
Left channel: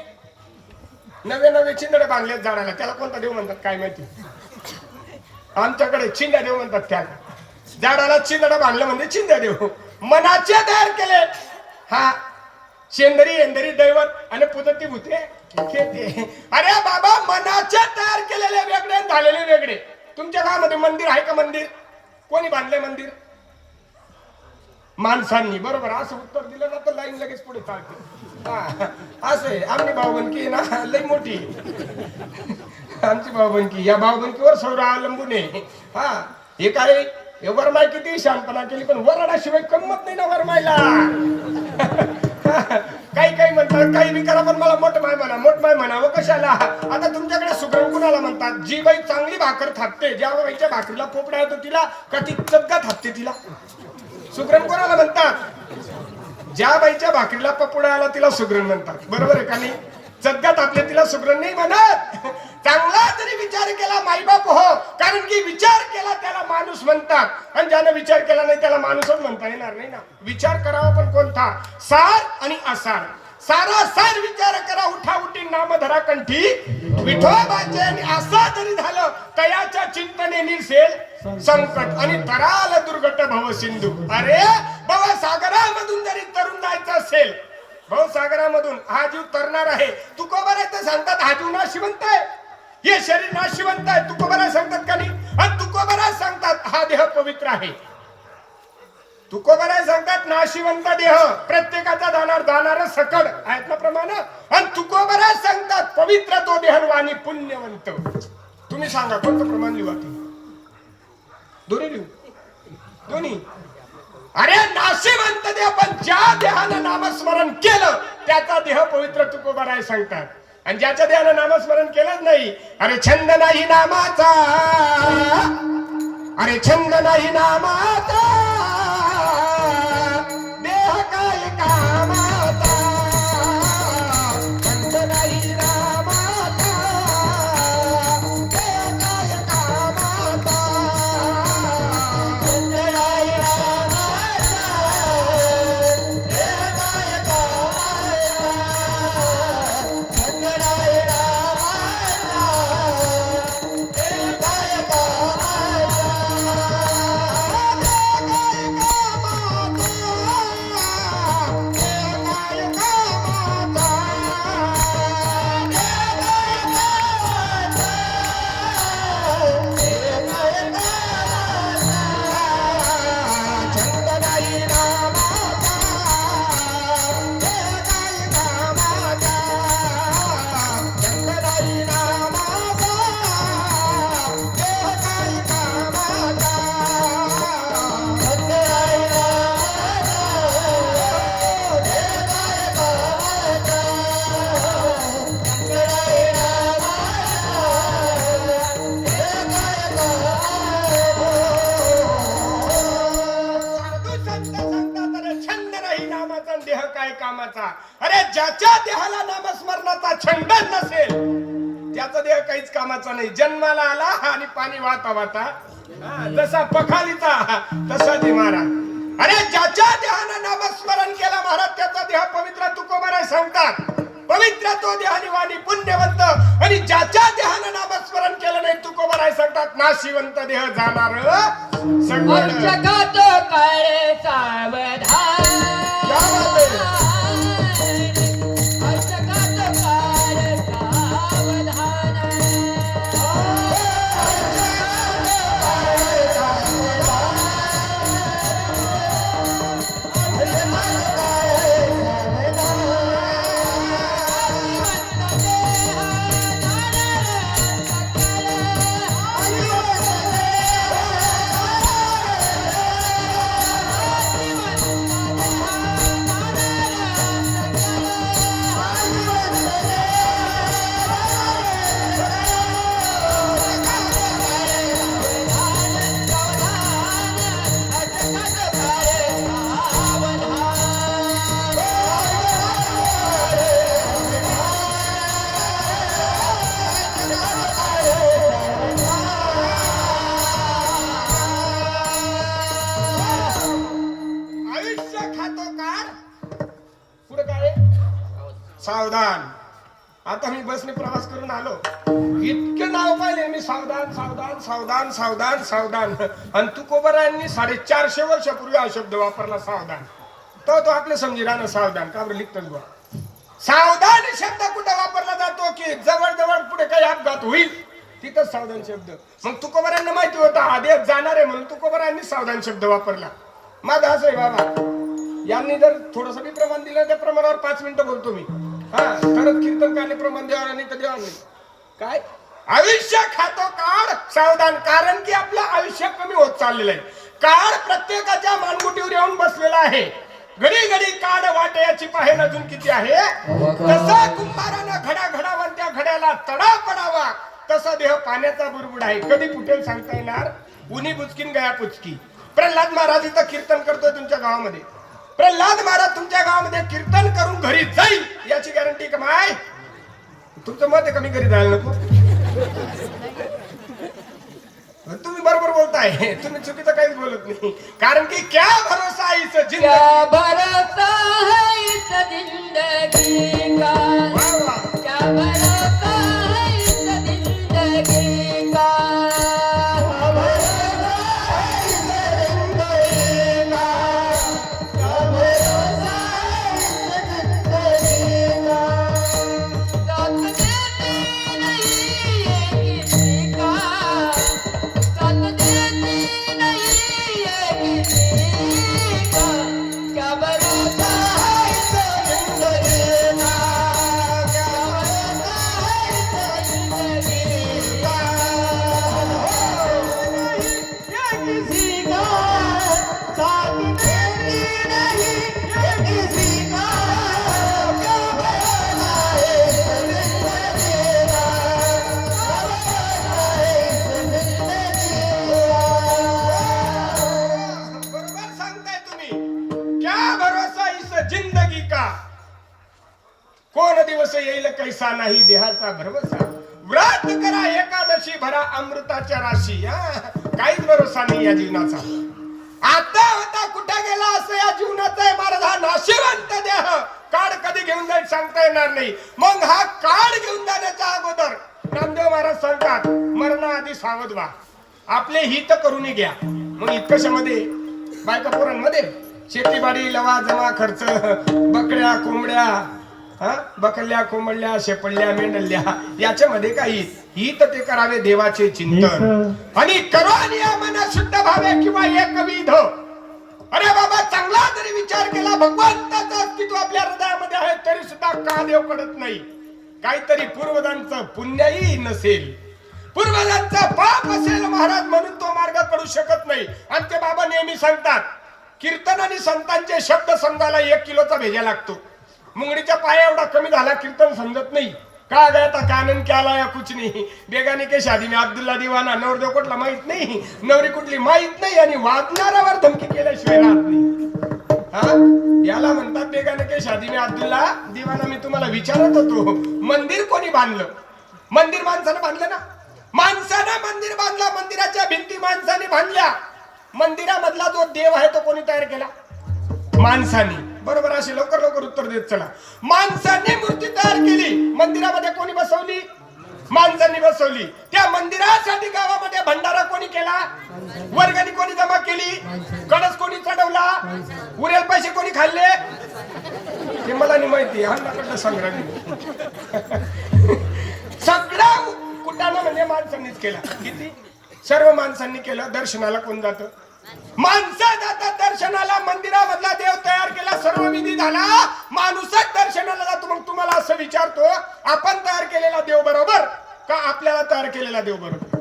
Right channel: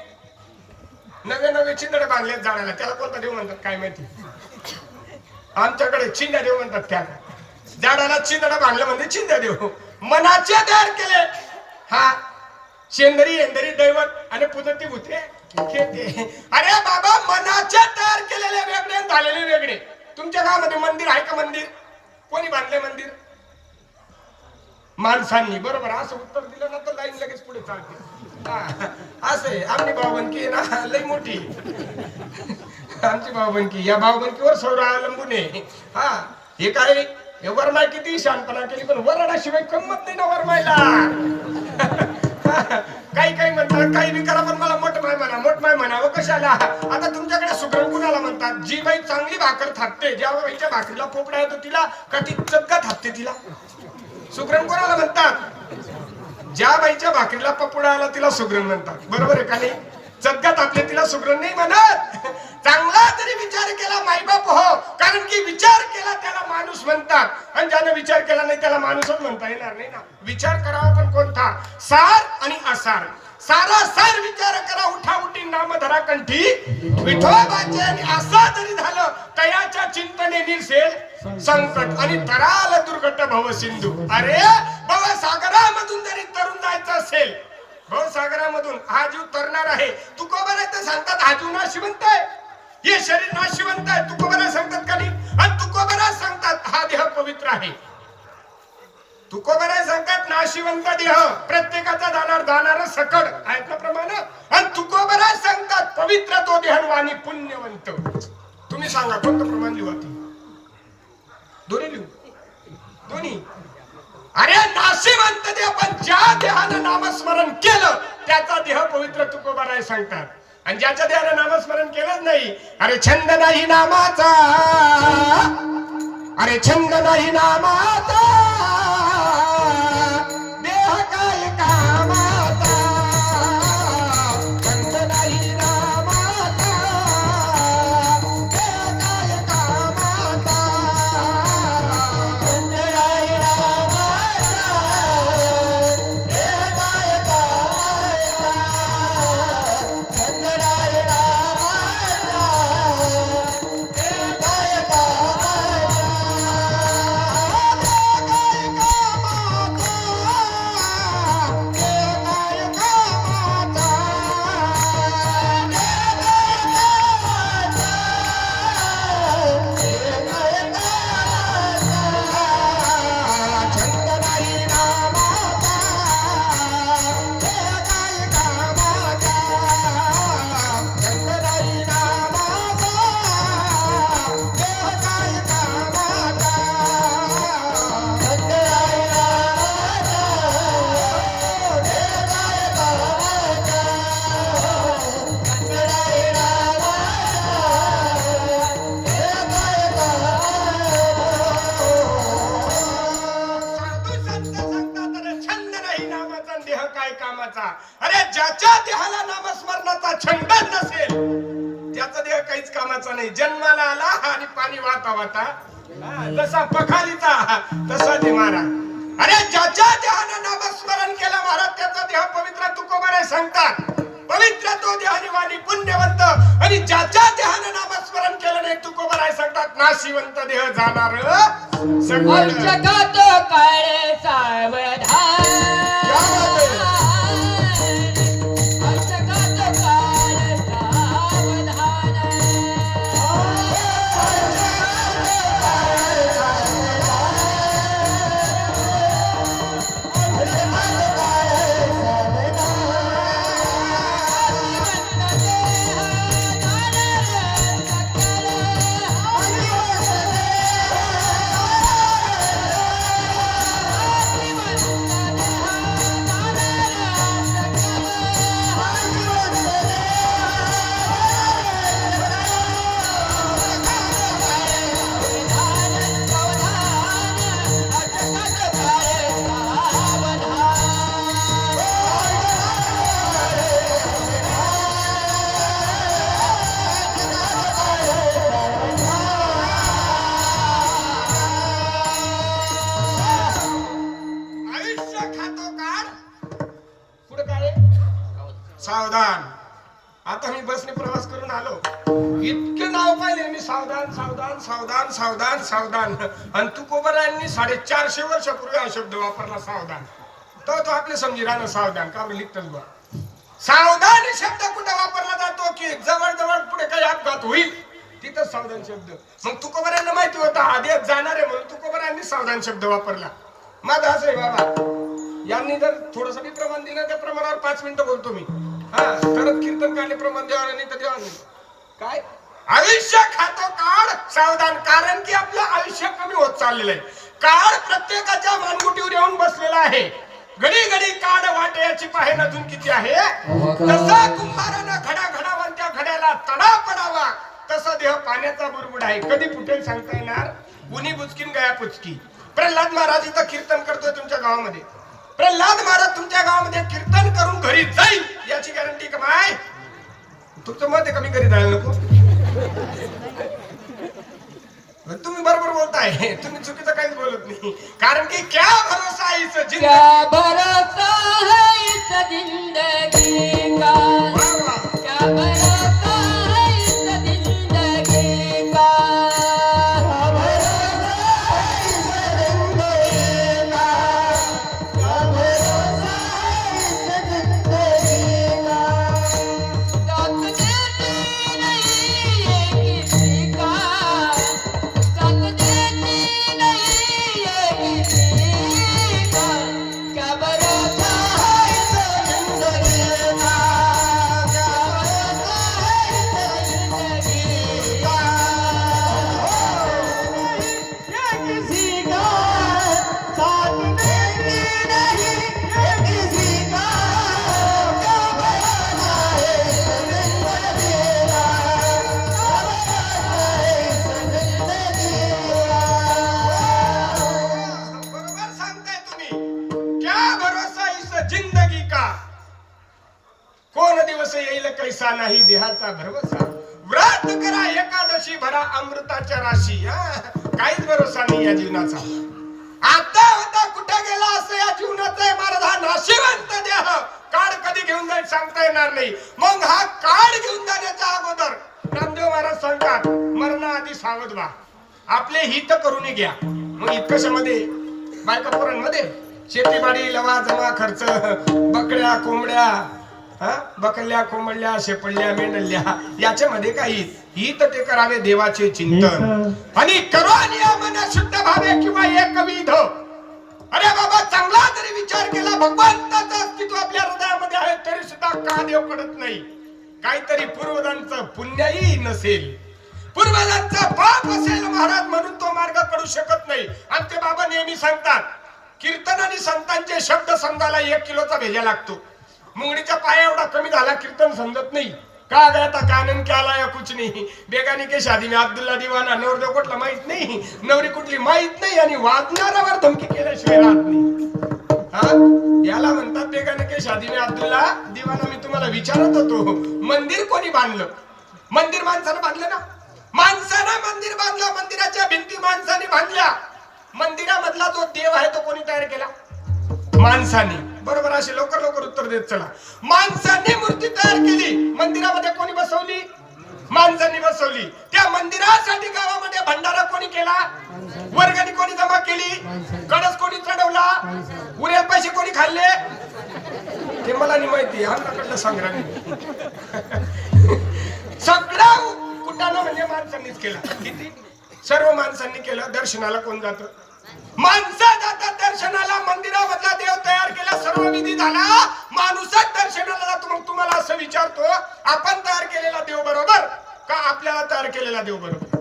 नवे चिंधडे बांधलेत झाडाला. त्याला कोणता देव म्हणतात काय माहिती? आमच्याकडे चिंध्या देव म्हणतात. त्या झाडाला चिंधडे बांधलं म्हणजे चिंध्या देव. मनाचे तयार केले. हा शेंदरी एंदरी दैवत आणि पुदती भूते. अरे बाबा, मनाचे तयार केलेले वेगळे झालेले वेगळे. तुमच्या गावामध्ये मंदिर आहे का? मंदिर कोणी बांधले? मंदिर माणसांनी. बरोबर. असं उत्तर दिलं ना तर लाईन लगेच पुढे चालते. असे आमची भावबंदकी ना लई मोठी. आमची भावबंदकी, या भावबंदकीवर सौर अवलंबून आहे. हा हे काय वरमाय किती शांतपणा केली, पण वरणाशिवाय गंमत नाही ना वरमायला. काही म्हणतात काही बी करा, पण मला मोठमाय म्हणावं कशाला? आता तुमच्याकडे सुगरण कुणाला म्हणतात? जी बाई चांगली भाकर थापते, ज्या बाईच्या भाकरीला पोपडा येतो तिला का ती चक्का थापते तिला? सुगरण कोणाला म्हणतात? ज्या बाईच्या भाकरीला पपुडा आला तिला सुगरण म्हणतात. बरोबर आहे का नाही? चक्का थापले तिला सुगरण नाही म्हणत. चांगला जरी विचार केला माईबाप हो, कारण की विचार केला त्याला माणूस म्हणतात, आणि ज्याने विचार केला नाही त्याला माणूसच म्हणता येणार नाही ना. विचार करावा पण कोणता? सार आणि असार. सारा सार विचार करा, उठा उठी नाम धरा कंठी विठोबाचे. आणि असं जरी झालं तयाच्या चिंतने निसेल संकट, आणि तराल दुर्गट भव सिंधू. अरे भवसागरामधून जरी तरुण जायचं असेल, भवसागरामधून हा जीव तरणार आहे. तुकोबाराय सांगतात हा जीव नाशिवंत आहे, हे शरीर नाशिवंत आहे. तुकोबाराय सांगतात का नाही? आणि तुकोबाराय सांगतात हा देह पवित्र आहे. तुकोबाराय सांगतात नाशिवंत देह प्रत्येकाचा जाणार सकड आहेत ना प्रमाण. आणि तुकोबाराय सांगतात पवित्र तो देहवानी पुण्यवंत. तुम्ही सांगा कोणतं प्रमाण लिहू? दोन्ही लिहू? दोन्ही. अरे नाशिवंत देह, पण ज्या देहानं नामस्मरण केलं त्याचा देह पवित्र तुकोबाराय सांगतात. आणि ज्याच्या देहानं नामस्मरण केलंच नाही, अरे छंद नाही नामाचा, अरे छंद नाही नामाचा, देह काय कामाचा, छंद नाही नामाचा, देह काय कामाचा, छंद नाही नामाचा, देह काय कामाचा, छंद नाही नामाचा, देह काय कामाचा. काय कामाचा. अरे ज्याच्या देहाला नामस्मरणाचा छंद नसेल त्याचा देह काहीच कामाचा नाही. जन्माला आला आणि पाणी वाहता वाहता जसा पखालीचा तसा ते मारा. अरे ज्याच्या देहानं नामस्मरण केलं महाराज त्याचा देह पवित्र तुकोबाराय सांगतात. पवित्र तो देहानी वाणी पुण्यवंत. आणि ज्याच्या देहानं नामस्मरण केलं नाही तुकोबाराय सांगतात नाशिवंत देह जाणार सगळं जगात काय सावधान. सावधान. आता मी बसने प्रवास करून आलो, इतके नाव पाहिले मी सावधान सावधान सावधान सावधान सावधान. आणि तुकोबारायांनी 450 वर्षापूर्वी हा शब्द वापरला सावधान. तो आपले समजी राहणं सावधान का बरं लिखतच बा. सावधान शब्द कुठे वापरला जातो की जवळ जवळ पुढे काही अपघात होईल तिथं सावधान शब्द. मग तुकोबारायांना माहिती होता आदेश जाणार आहे म्हणून तुकोबारायांनी सावधान शब्द वापरला. माझा असं आहे बाबा, यांनी जर थोडस मी प्रमाण दिलं त्या प्रमाणावर 5 मिनिटं बोलतो मी. खरंच कीर्तन काने प्रमाण द्यावं नाही तर द्यावं नाही. काय आयुष्य खातो काळ सावधान. कारण की आपलं आयुष्य कमी होत चाललेलं आहे. काळ प्रत्येकाच्या मानगुटीवर येऊन बसलेला आहे. घडी घडी काळ वाटे याची पाहे अजून किती आहे. तसा कुंभारानं घडा घडावर त्या घड्याला तडा पडावा तसा देह पाण्याचा बुडबुड आहे. कधी फुटेल सांगता येणार. उनी बुचकीन गया पुचकी. प्रल्हाद महाराज इथं कीर्तन करतोय तुमच्या गावामध्ये. प्रल्हाद महाराज तुमच्या गावामध्ये कीर्तन करून घरी जाईल याची गॅरंटी कमाय. तुमचं मत आहे कमी घरी जायला नको. तुम्ही बरोबर बोलताय, तुम्ही चुकीचं काहीच बोलत नाही. कारण की क्या भरोसा इस जिंदगी, क्या भरोसा है इस जिंदगी का. क्या भरोसा है इस जिंदगी का. कैसा नाही देहाचा भरवसा. व्रत करा एकादशी भरा अमृताच्या राशी. काहीच भरोसा नाही या जीवनाचा. आता होता कुठे गेला असं या जीवनाचा महाराज. हा नाशिवंत देह काळ कधी घेऊन जाईल सांगता येणार नाही. मग हा काळ घेऊन जाण्याच्या अगोदर नामदेव महाराज सांगतात मरणाआधी सावध व्हा. आपले हित करून घ्या. मग इतकशामध्ये बायका पोरांमध्ये शेतीबाडी लवाजमा खर्च बकऱ्या कोंबड्या बकल्या कोंबडल्या शेपडल्या मेंढल्या याच्यामध्ये काही हित ते करावे देवाचे चिंतन. आणि करोनिया मन शुद्ध भावे किंवा एकविध. अरे बाबा चांगला जरी विचार केला भगवंताचं अस्तित्व आपल्या हृदयामध्ये आहे तरी सुद्धा का देव कळत नाही. काहीतरी पूर्वजांचं पुण्यही नसेल, पूर्वजांचं पाप असेल महाराज म्हणून तो मार्ग कळू शकत नाही. आमचे बाबा नेहमी सांगतात कीर्तन आणि संतांचे शब्द समजायला 1 किलोचा भेजा लागतो. मुंगडीच्या पाया एवढा कमी झाला कीर्तन समजत नाही. का गया था कानन क्या लाया कुछ नहीं. बेगाने के शादी में अब्दुल्ला दिवाना. नवरदेव कुठला माहित नाही, नवरी कुठली माहित नाही आणि वाजणाऱ्यावर धमकी केल्याशिवाय राहत नाही. याला म्हणतात बेगाने के शादी में अब्दुल्ला दिवाना. मी तुम्हाला विचारत होतो, मंदिर कोणी बांधलं? मंदिर माणसानं बांधलं ना. माणसानं मंदिर बांधलं, मंदिराच्या भिंती माणसाने बांधल्या. मंदिरामधला जो देव आहे तो कोणी तयार केला? माणसाने. बरोबर. असे लवकर लवकर उत्तर देत चला. माणसाने मूर्ती तयार केली, मंदिरामध्ये कोणी बसवली? माणसांनी बसवली. त्या मंदिरासाठी गावामध्ये भंडारा कोणी केला? वर्गणी कोणी जमा केली? कळस कोणी चढवला? उरेल पैसे कोणी खाल्ले? ते मला नाही माहिती, हा संग्राम. सगळा कुटाणा म्हणजे माणसांनीच केला. किती? सर्व माणसांनी केलं. दर्शनाला कोण जातं? माणसं जातात दर्शनाला. मंदिरामधला देव तयार केला, सर्व विधी झाला, माणूसच दर्शनाला जातो. मग तुम्हाला असं विचारतो, आपण तयार केलेला देव बरोबर का आपल्याला तयार केलेला देव बरोबर?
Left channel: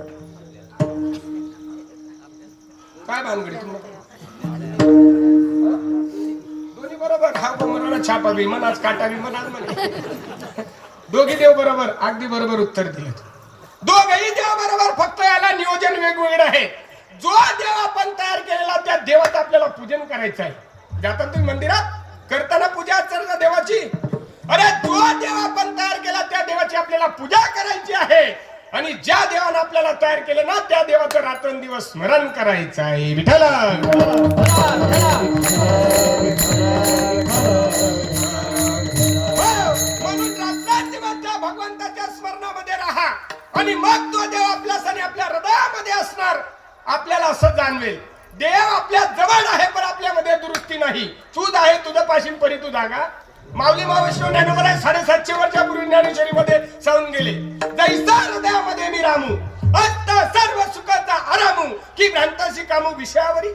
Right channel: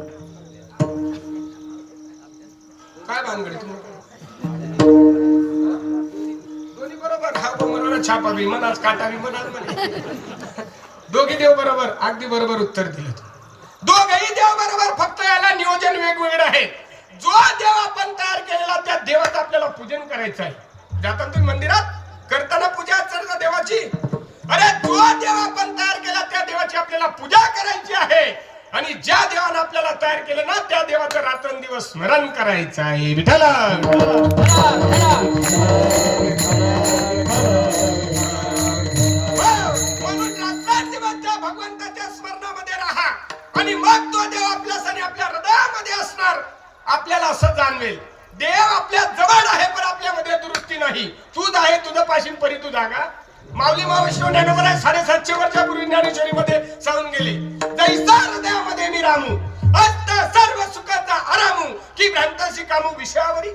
काय भानगडी तुम्हाला? दोन्ही बरोबर. हा मला छापा बी मनाच काटा बी म्हणाल. दोघी देव बरोबर. अगदी बरोबर उत्तर दिलं. दोघही देव बरोबर, फक्त याला नियोजन वेगवेगळं आहे. जो देव आपण तयार केलेला त्या देवाचं आपल्याला पूजन करायचं आहे. जाता तुम्ही मंदिरात, करताना पूजा अर्चना देवाची. अरे जो देव आपण तयार केला त्या देवाची आपल्याला पूजा करायची आहे. आणि ज्या देवानं आपल्याला तयार केलं ना त्या देवाचं रात्रंदिवस स्मरण करायचं आहे. विठ्ठला म्हणून रात्रंदिवस त्या भगवंताच्या स्मरणामध्ये राहा. आणि मग तो देव आपल्यास आणि आपल्या हृदयामध्ये असणार. आपल्याला असं जाणवेल, देव आपल्या जवळ आहे पण आपल्यामध्ये दुरुस्ती नाही. तूच आहे तुझं पाशील परी तू जागा. माऊली मावश्वर ज्ञानोबा 750 वर्षापूर्वी ज्ञानेश्वरीमध्ये सांगून गेले, जैसा हृदयामध्ये मी रामू अस्त सर्व सुखाचा आरामू की भ्रांताशी कामू विषयावरी.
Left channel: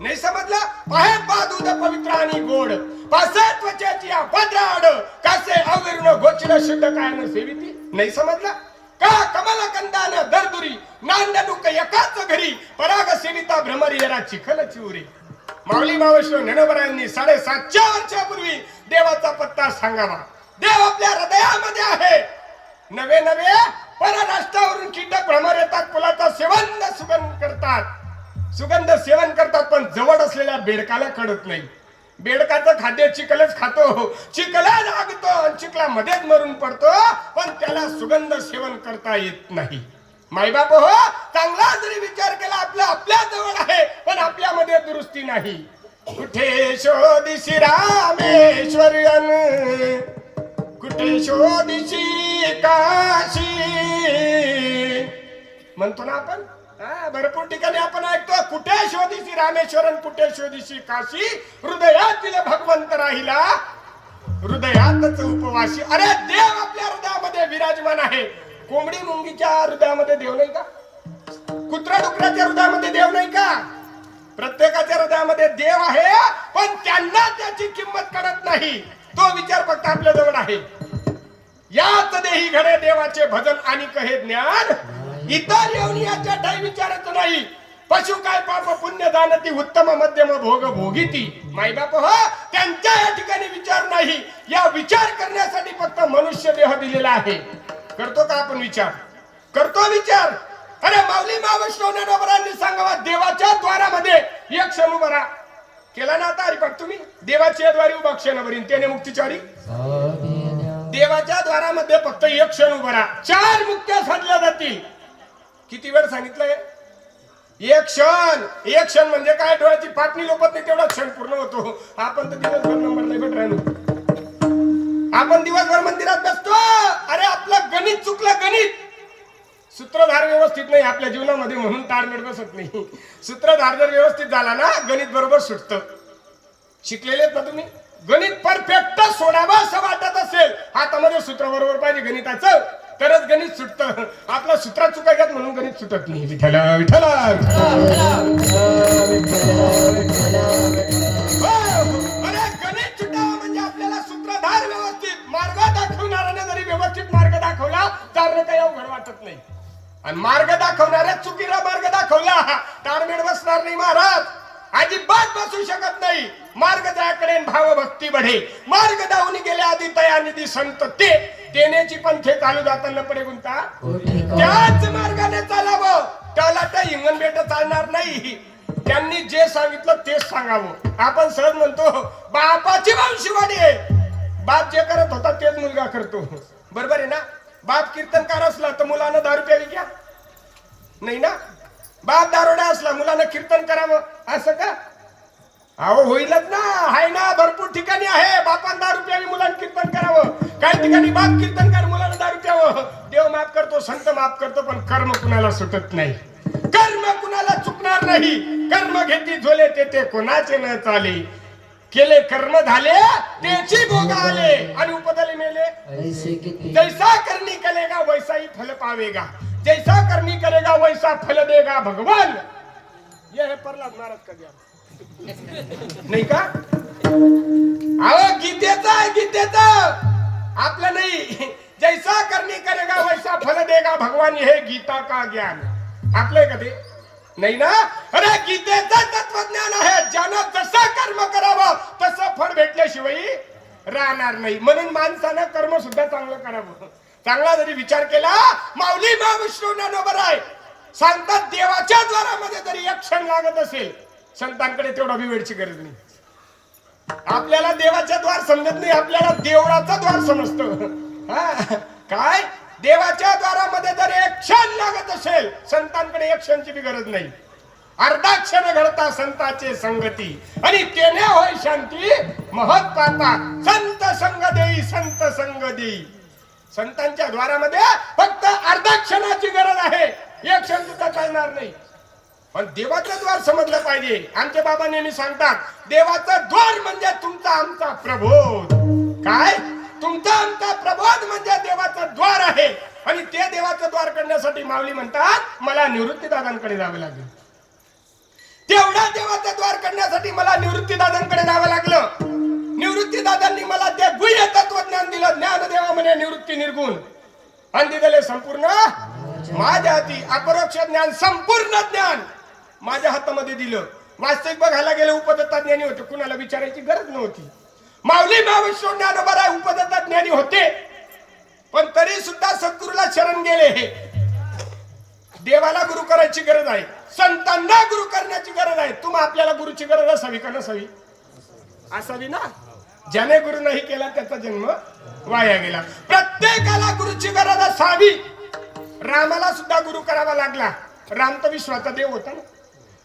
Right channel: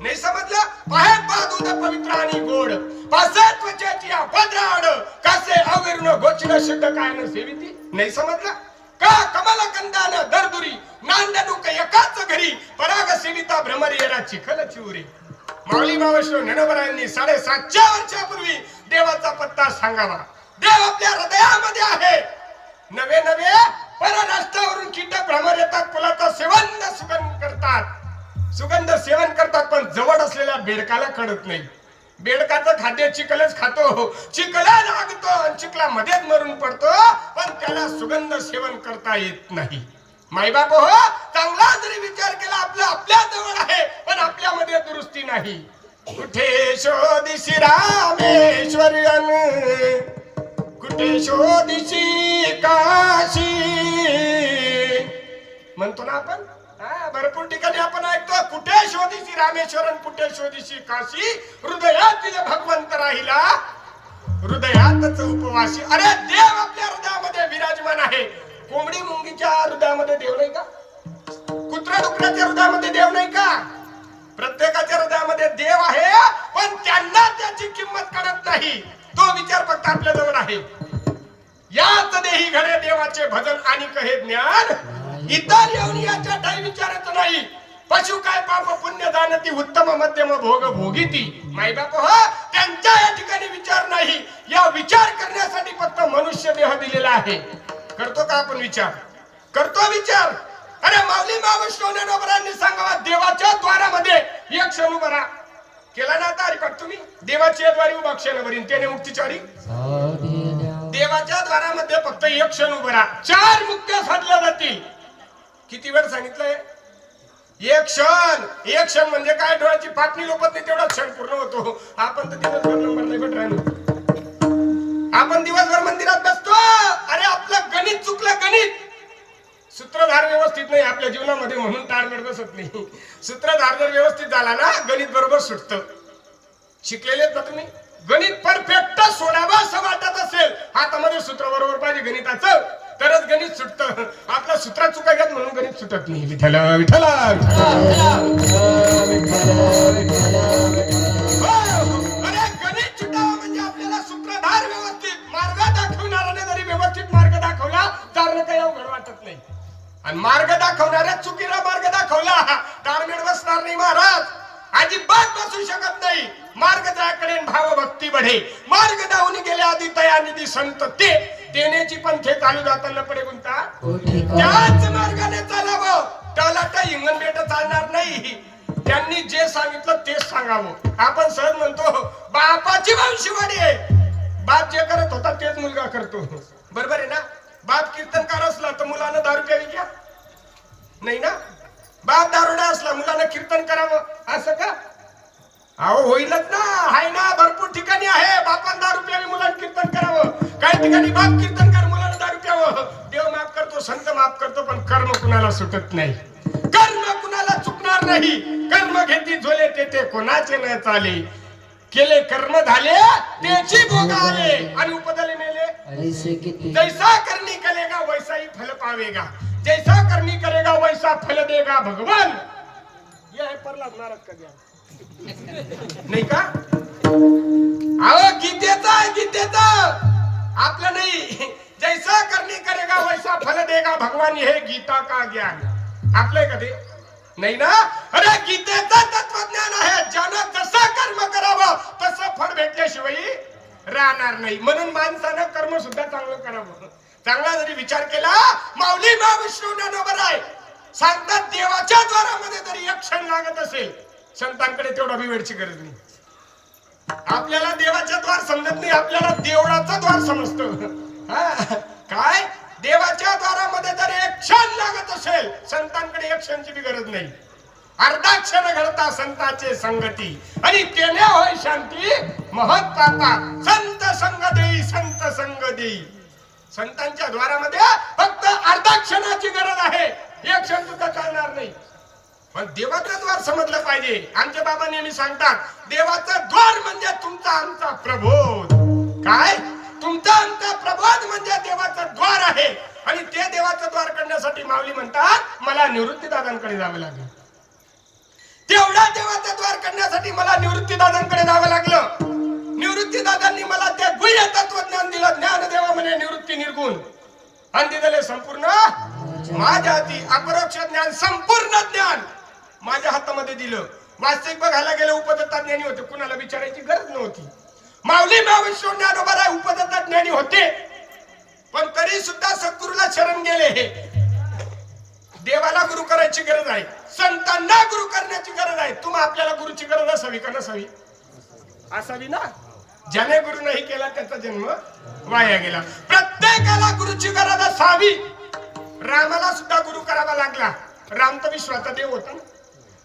नाही समजलं? पाहेत दूध पवित्र आणि गोड पासे त्वचेची भद्राड कासे अविरून गोचिन शुद्ध कायन सेविती. नाही समजलं का? कमल कंदान दरदुरी नांदनुक एकाच घरी पराग सेविता भ्रमरी येरा चिखल चिवरी. माऊली मावश्वर ज्ञानोबरायांनी 750 वर्षापूर्वी देवाचा पत्ता सांगावा. देव आपल्या हृदयामध्ये आहे. नवे नवे परराष्ट्रावरून कीटक भ्रमर येतात, फुलाचा सुगंध सेवन करतात पण जवळ असलेल्या बेडकाला कळत नाही. बेडकाचं खाद्य चिखलच खातो, चिखला लागतो आणि चिखला मध्येच मरून पडतो, पण त्याला सुगंध सेवन करता येत नाही. मायबाप हो, चांगला जरी विचार केला आपला आपल्या जवळ आहे पण आपल्यामध्ये दुरुस्ती नाही. कुठे शोधिशी रामेश्वरन, कुठे शोधिशी काशी म्हणतो ना आपण. भरपूर ठिकाणी आपण ऐकतो, कुठे शोधिशी रामेश्वरन, कुठे शोधिशी काशी, हृदयातील भगवंत राहिला हृदयातच उपवासी. अरे देव आपल्या हृदयामध्ये विराजमान आहे. कोंबडी मुंगीच्या हृदयामध्ये देव नाही का? कुत्रा डुकराच्या हृदयामध्ये देव नाही का? प्रत्येकाच्या हृदयामध्ये देव आहे पण त्यांना त्याची किंमत कळत नाही. तो विचार फक्त आपल्या जवळ आहे. याच देही घडे देवाचे भजन आणि कहे ज्ञान, इतर येऊन याच्या ठाई विचारत नाही. पशु काय पाप पुण्य जाणती, उत्तम मध्यम भोग भोगीती. मायबाप हो, त्यांच्या या ठिकाणी विचार नाही. या विचार करण्यासाठी फक्त मनुष्य देह दिलेला आहे. करतो का आपण विचार? करतो विचार. अरे माऊली मावश्वर ज्ञानोबरांनी सांगावा, देवाच्या द्वारामध्ये एक क्षण उभा राहा. केला ना आता हरिपाठ तुम्ही? देवाच्या द्वारी उभा क्षण भरीन त्याने मुक्तीचारी. देवाच्या द्वारामध्ये फक्त एक क्षण उभा राहा, 4 मुक्त्या साधल्या जातील. किती वेळ सांगितलंय? एक क्षण. एक क्षण म्हणजे काय? डोळ्याची पापणी लोपत नाही तेवढा क्षण पूर्ण होतो. आपण तर दिवसभर नंबर नाही भेट राहिलो. आपण दिवसभर मंदिरात बसतो. अरे आपलं गणित चुकलं. गणित सूत्रधार व्यवस्थित नाही आपल्या जीवनामध्ये म्हणून ताळमेळ बसत नाही. सूत्रधार जर व्यवस्थित झाला ना गणित बरोबर सुटतं. शिकलेले का तुम्ही? गणित परफेक्ट सोडावं असं वाटत असेल, हातामध्ये सूत्र बरोबर पाहिजे गणिताचं, तरच गणित सुटतं. आपल्या सूत्रात चुकायच्यात म्हणून गणित सुटत नाही. विठ्ठल विठ्ठल गणित सुटावं म्हणजे आपल्याला सूत्रधार व्यवस्थित मार्ग दाखवणाऱ्याने जरी व्यवस्थित मार्ग दाखवला तर काही अवघड वाटत नाही. आणि मार्ग दाखवणाऱ्या चुकीला मार्ग दाखवला ताळमेळ बसणार नाही महाराज. अजिबात बसू शकत नाही. मार्ग दाखवणे भाव भक्ती बढे, मार्ग दावून गेले आधी तया निधी संत ते देण्याची पंथे चालू जाताना पडे गुंता. त्याच मार्गाने चालावं. त्याला त्या इंगण बेट चालणार नाही. त्यांनी जे सांगितलं तेच सांगावं. आपण सहज म्हणतो बापाची वंशवाडी आहे. बाप जे करत होता तेच मुलगा करतो. बरोबर आहे ना? बाप कीर्तनकार असला तर मुलानं दारू प्यावी घ्या नाही ना? बाप दारोडा असला मुलानं कीर्तन करावं असं का? अहो होईलच ना. आहे ना, भरपूर ठिकाणी आहे बापान दारू प्यावी मुलानं कीर्तन करावं. काही ठिकाणी बाप कीर्तनकार मुलानं दारू प्यावं. देव माफ करतो, संत माफ करतो, पण कर्म कुणाला सुटत नाही. कर्म कुणाला चुकणार नाही. कर्म घेती झोले ते कोणाचे न चाले. केले कर्म झाले त्याची भोग आले आणि उपदले मेले. जैसा करनी करेगा वैसा ही फल पावेगा. जैसा करनी करेगा वैसा फल देगा भगवान. यह है प्रहलाद महाराज का ज्ञान नाही का? अहो गीतेचं आहे, गीतेचं आपलं नाही. जैसा करनी करेगा वैसा फल देगा भगवान. हे गीता का ज्ञान आपलं कधी नाही ना? अरे गीतेचं तत्वज्ञान आहे. ज्यानं जसं कर्म करावं तसं फळ भेटल्याशिवाय राहणार नाही. म्हणून माणसानं कर्म सुद्धा चांगलं करावं. चांगला जरी विचार केला, माऊली महाविष्णू ज्ञानोबर आहे सांगतात, देवाच्या द्वारामध्ये जरी एक क्षण लागत असेल, संतांकडे तेवढा बी वेळची गरज नाही. आपल्याला देवाच्या द्वार समजत नाही, आपल्याला देवळाचा द्वार समजतो. काय देवाच्या द्वारामध्ये जर एक क्षण लागत असेल, संतांकडे एक क्षणची बी गरज नाही. अर्धा क्षण घडता संतांचे संगती आणि तेने होय शांती महत्वाचा. संत संग देई, संत संग देई. संतांच्या द्वारामध्ये फक्त अर्धा क्षणाची गरज आहे, एक क्षण सुद्धा चालणार नाही. पण देवाचं द्वार समजलं पाहिजे. आमचे बाबा नेहमी सांगतात, देवाचं द्वार म्हणजे तुमचा आमचा प्रबोध. काय? तुमचा आमचा प्रबोध म्हणजे देवाचं द्वार आहे. आणि ते देवाचं द्वार करण्यासाठी माऊली म्हणतात, मला निवृत्ती दादांकडे जावं लागलं. तेवढा देवाचं द्वार करण्यासाठी मला निवृत्ती दादांकडे जावं लागलं. निवृत्ती दादांनी मला ते गुह्य तत्वज्ञान दिलं. ज्ञानदेवा म्हणे निवृत्ती निर्गुण आणि दिले संपूर्ण माझ्या हाती. अपरोक्ष ज्ञान, संपूर्ण ज्ञान माझ्या हातामध्ये दिलं. वास्तविक बघायला गेले उपदत्ता ज्ञानी होते, कुणाला विचारायची गरज नव्हती. माऊली महाविष्णू ज्ञानोबा उपदत्ता ज्ञानी होते, पण तरी सुद्धा सद्गुरूला शरण गेले. देवाला गुरु करायची गरज आहे, संतांना गुरु करण्याची गरज आहे. तुम्ही आपल्याला गुरुची गरज असावी का नसावी? असावी ना. ज्याने गुरु नाही केला त्याचा जन्म वाया गेला. प्रत्येकाला गुरुची गरज असावी. रामाला सुद्धा गुरु करावा लागला. राम तर विश्वाचा देव होता ना.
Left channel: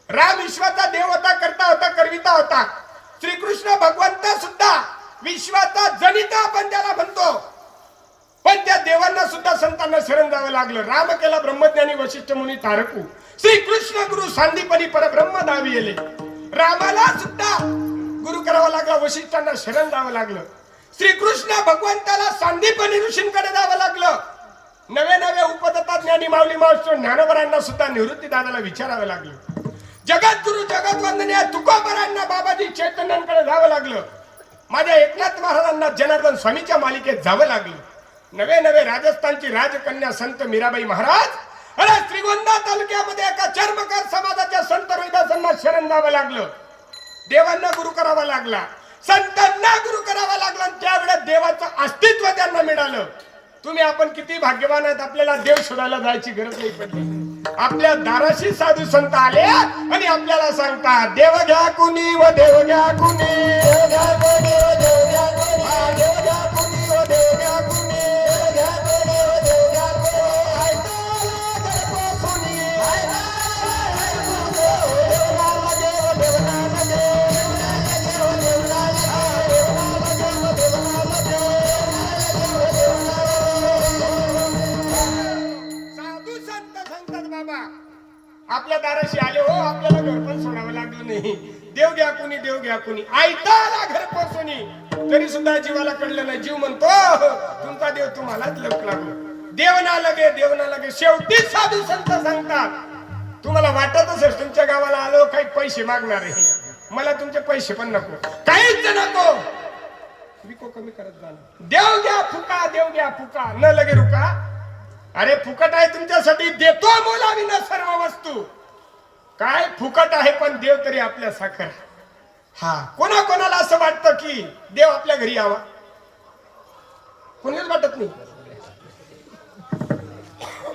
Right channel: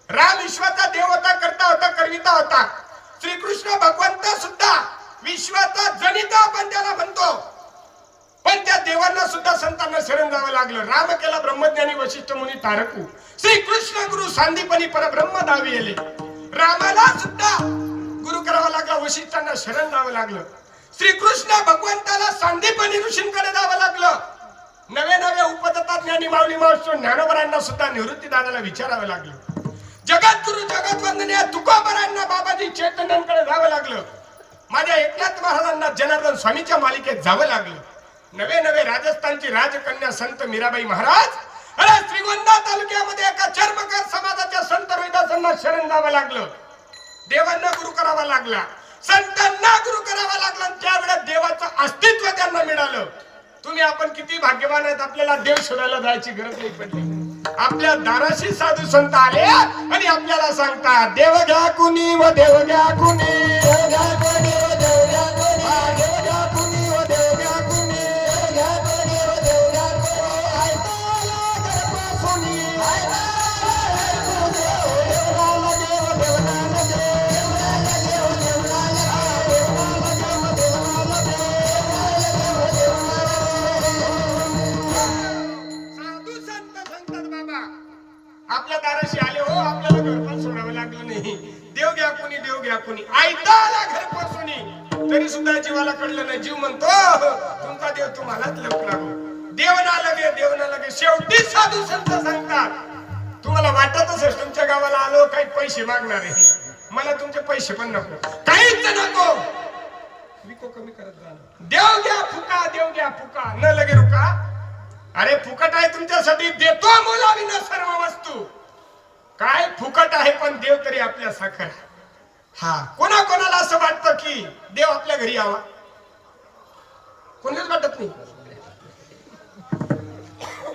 राम विश्वाचा देव होता, करता होता, करविता होता. श्रीकृष्ण भगवंत सुद्धा विश्वाचा जनिता आपण त्याला म्हणतो. पण त्या देवांना सुद्धा संतांना शरण जावं लागलं. राम केला ब्रह्मज्ञानी वशिष्ठ मुनी तारकू. श्रीकृष्ण गुरु सांदीपनी परब्रह्म दावी येले. रामाला सुद्धा गुरु करावा लागला, वशिष्ठांना शरण जावं लागलं. श्रीकृष्ण भगवंताला सांदीपनी ऋषींकडे जावं लागलं. नवे नवे उपदत्ता ज्ञानी माऊली महाविष्णू ज्ञानोबरांना सुद्धा निवृत्ती दादाला विचारावं लागलं. जगद्गुरु जगद्वंदनीय तुकोबरांना बाबाजी चैतन्यांकडे जावं लागलं. माझ्या एकनाथ महाराजांना जनार्दन स्वामीच्या मालिकेत जावं लागलं. नवे नवे राजस्थानची राजकन्या संत मीराबाई महाराज, अरे श्रीगोंदा तालुक्यामध्ये एका चर्मकार समाजाच्या संत रोहिदासांना शरण जावं लागलं. देवांना गुरु करावा लागला, संतांना गुरु करावा लागला. त्यावेळेस देवाचं अस्तित्व त्यांना मिळालं. तुम्ही आपण किती भाग्यवान आहेत, आपल्याला देव शोधायला जायची गरज नाही पडली. आपल्या दाराशी साधू संत आले आणि आपल्याला सांगतात, देव घ्या कुणी व देव घ्या कुणी, देव घ्या कुणी व देव घ्या कुणी, देव घ्या कुणी व देव घ्या कुणी, देव घ्या कुणी व देव घ्या कुणी. ऐकायला गणपती आपल्या दाराशी आले हो, आपल्याला घर पण सोडावं लागलं नाही. देव घ्या कुणी, देव घ्या कुणी. ऐकायला घर पोचुनी, तरी सुद्धा जीवाला कळलं नाही. जीव म्हणतो तुमचा देव तुम्हालाच लवकर लागलो. देव ना लगे, देव ना लगे. शेवटी साधू संत सांगतात, तुम्हाला वाटत असेल तुमच्या गावाला आलो काही पैसे मागणार आहे, मला तुमचे पैसे पण नको, काहीच नको, विको कमी करत जा. देव घ्या फुका, देव घ्या फुका, न लगे रुका. अरे फुकट आहे तुमच्यासाठी, देतो मोलाविना सर्व वस्तू. काय फुकट आहे पण देव तरी आपल्या साखर. हा, कोणा कोणाला असं वाटतं की देव आपल्या घरी यावा? कोणीच वाटत नाही.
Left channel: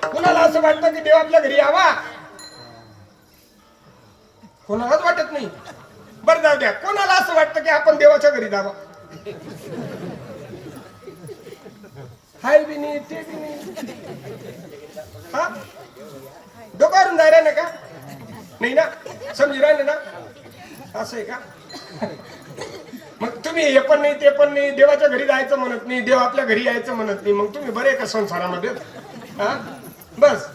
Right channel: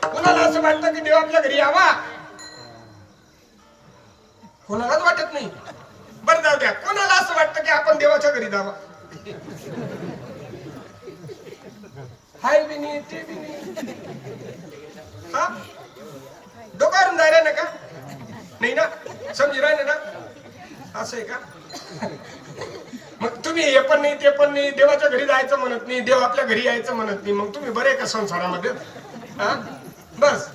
कोणाला असं वाटतं की देव आपल्या घरी यावा? कोणालाच वाटत नाही. बरं जाऊ द्या, कोणाला असं वाटतं की आपण देवाच्या घरी जावं? हाय बी नाही, ते बी नाही. हा डोकावरून जायला नाही का? नाही ना, समजी राहिले ना? असं आहे का? मग तुम्ही हे पण नाही ते पण नाही, देवाच्या घरी जायचं म्हणत नाही, देव आपल्या घरी यायचं म्हणत नाही, मग तुम्ही बरे का संसारामध्ये? हा बस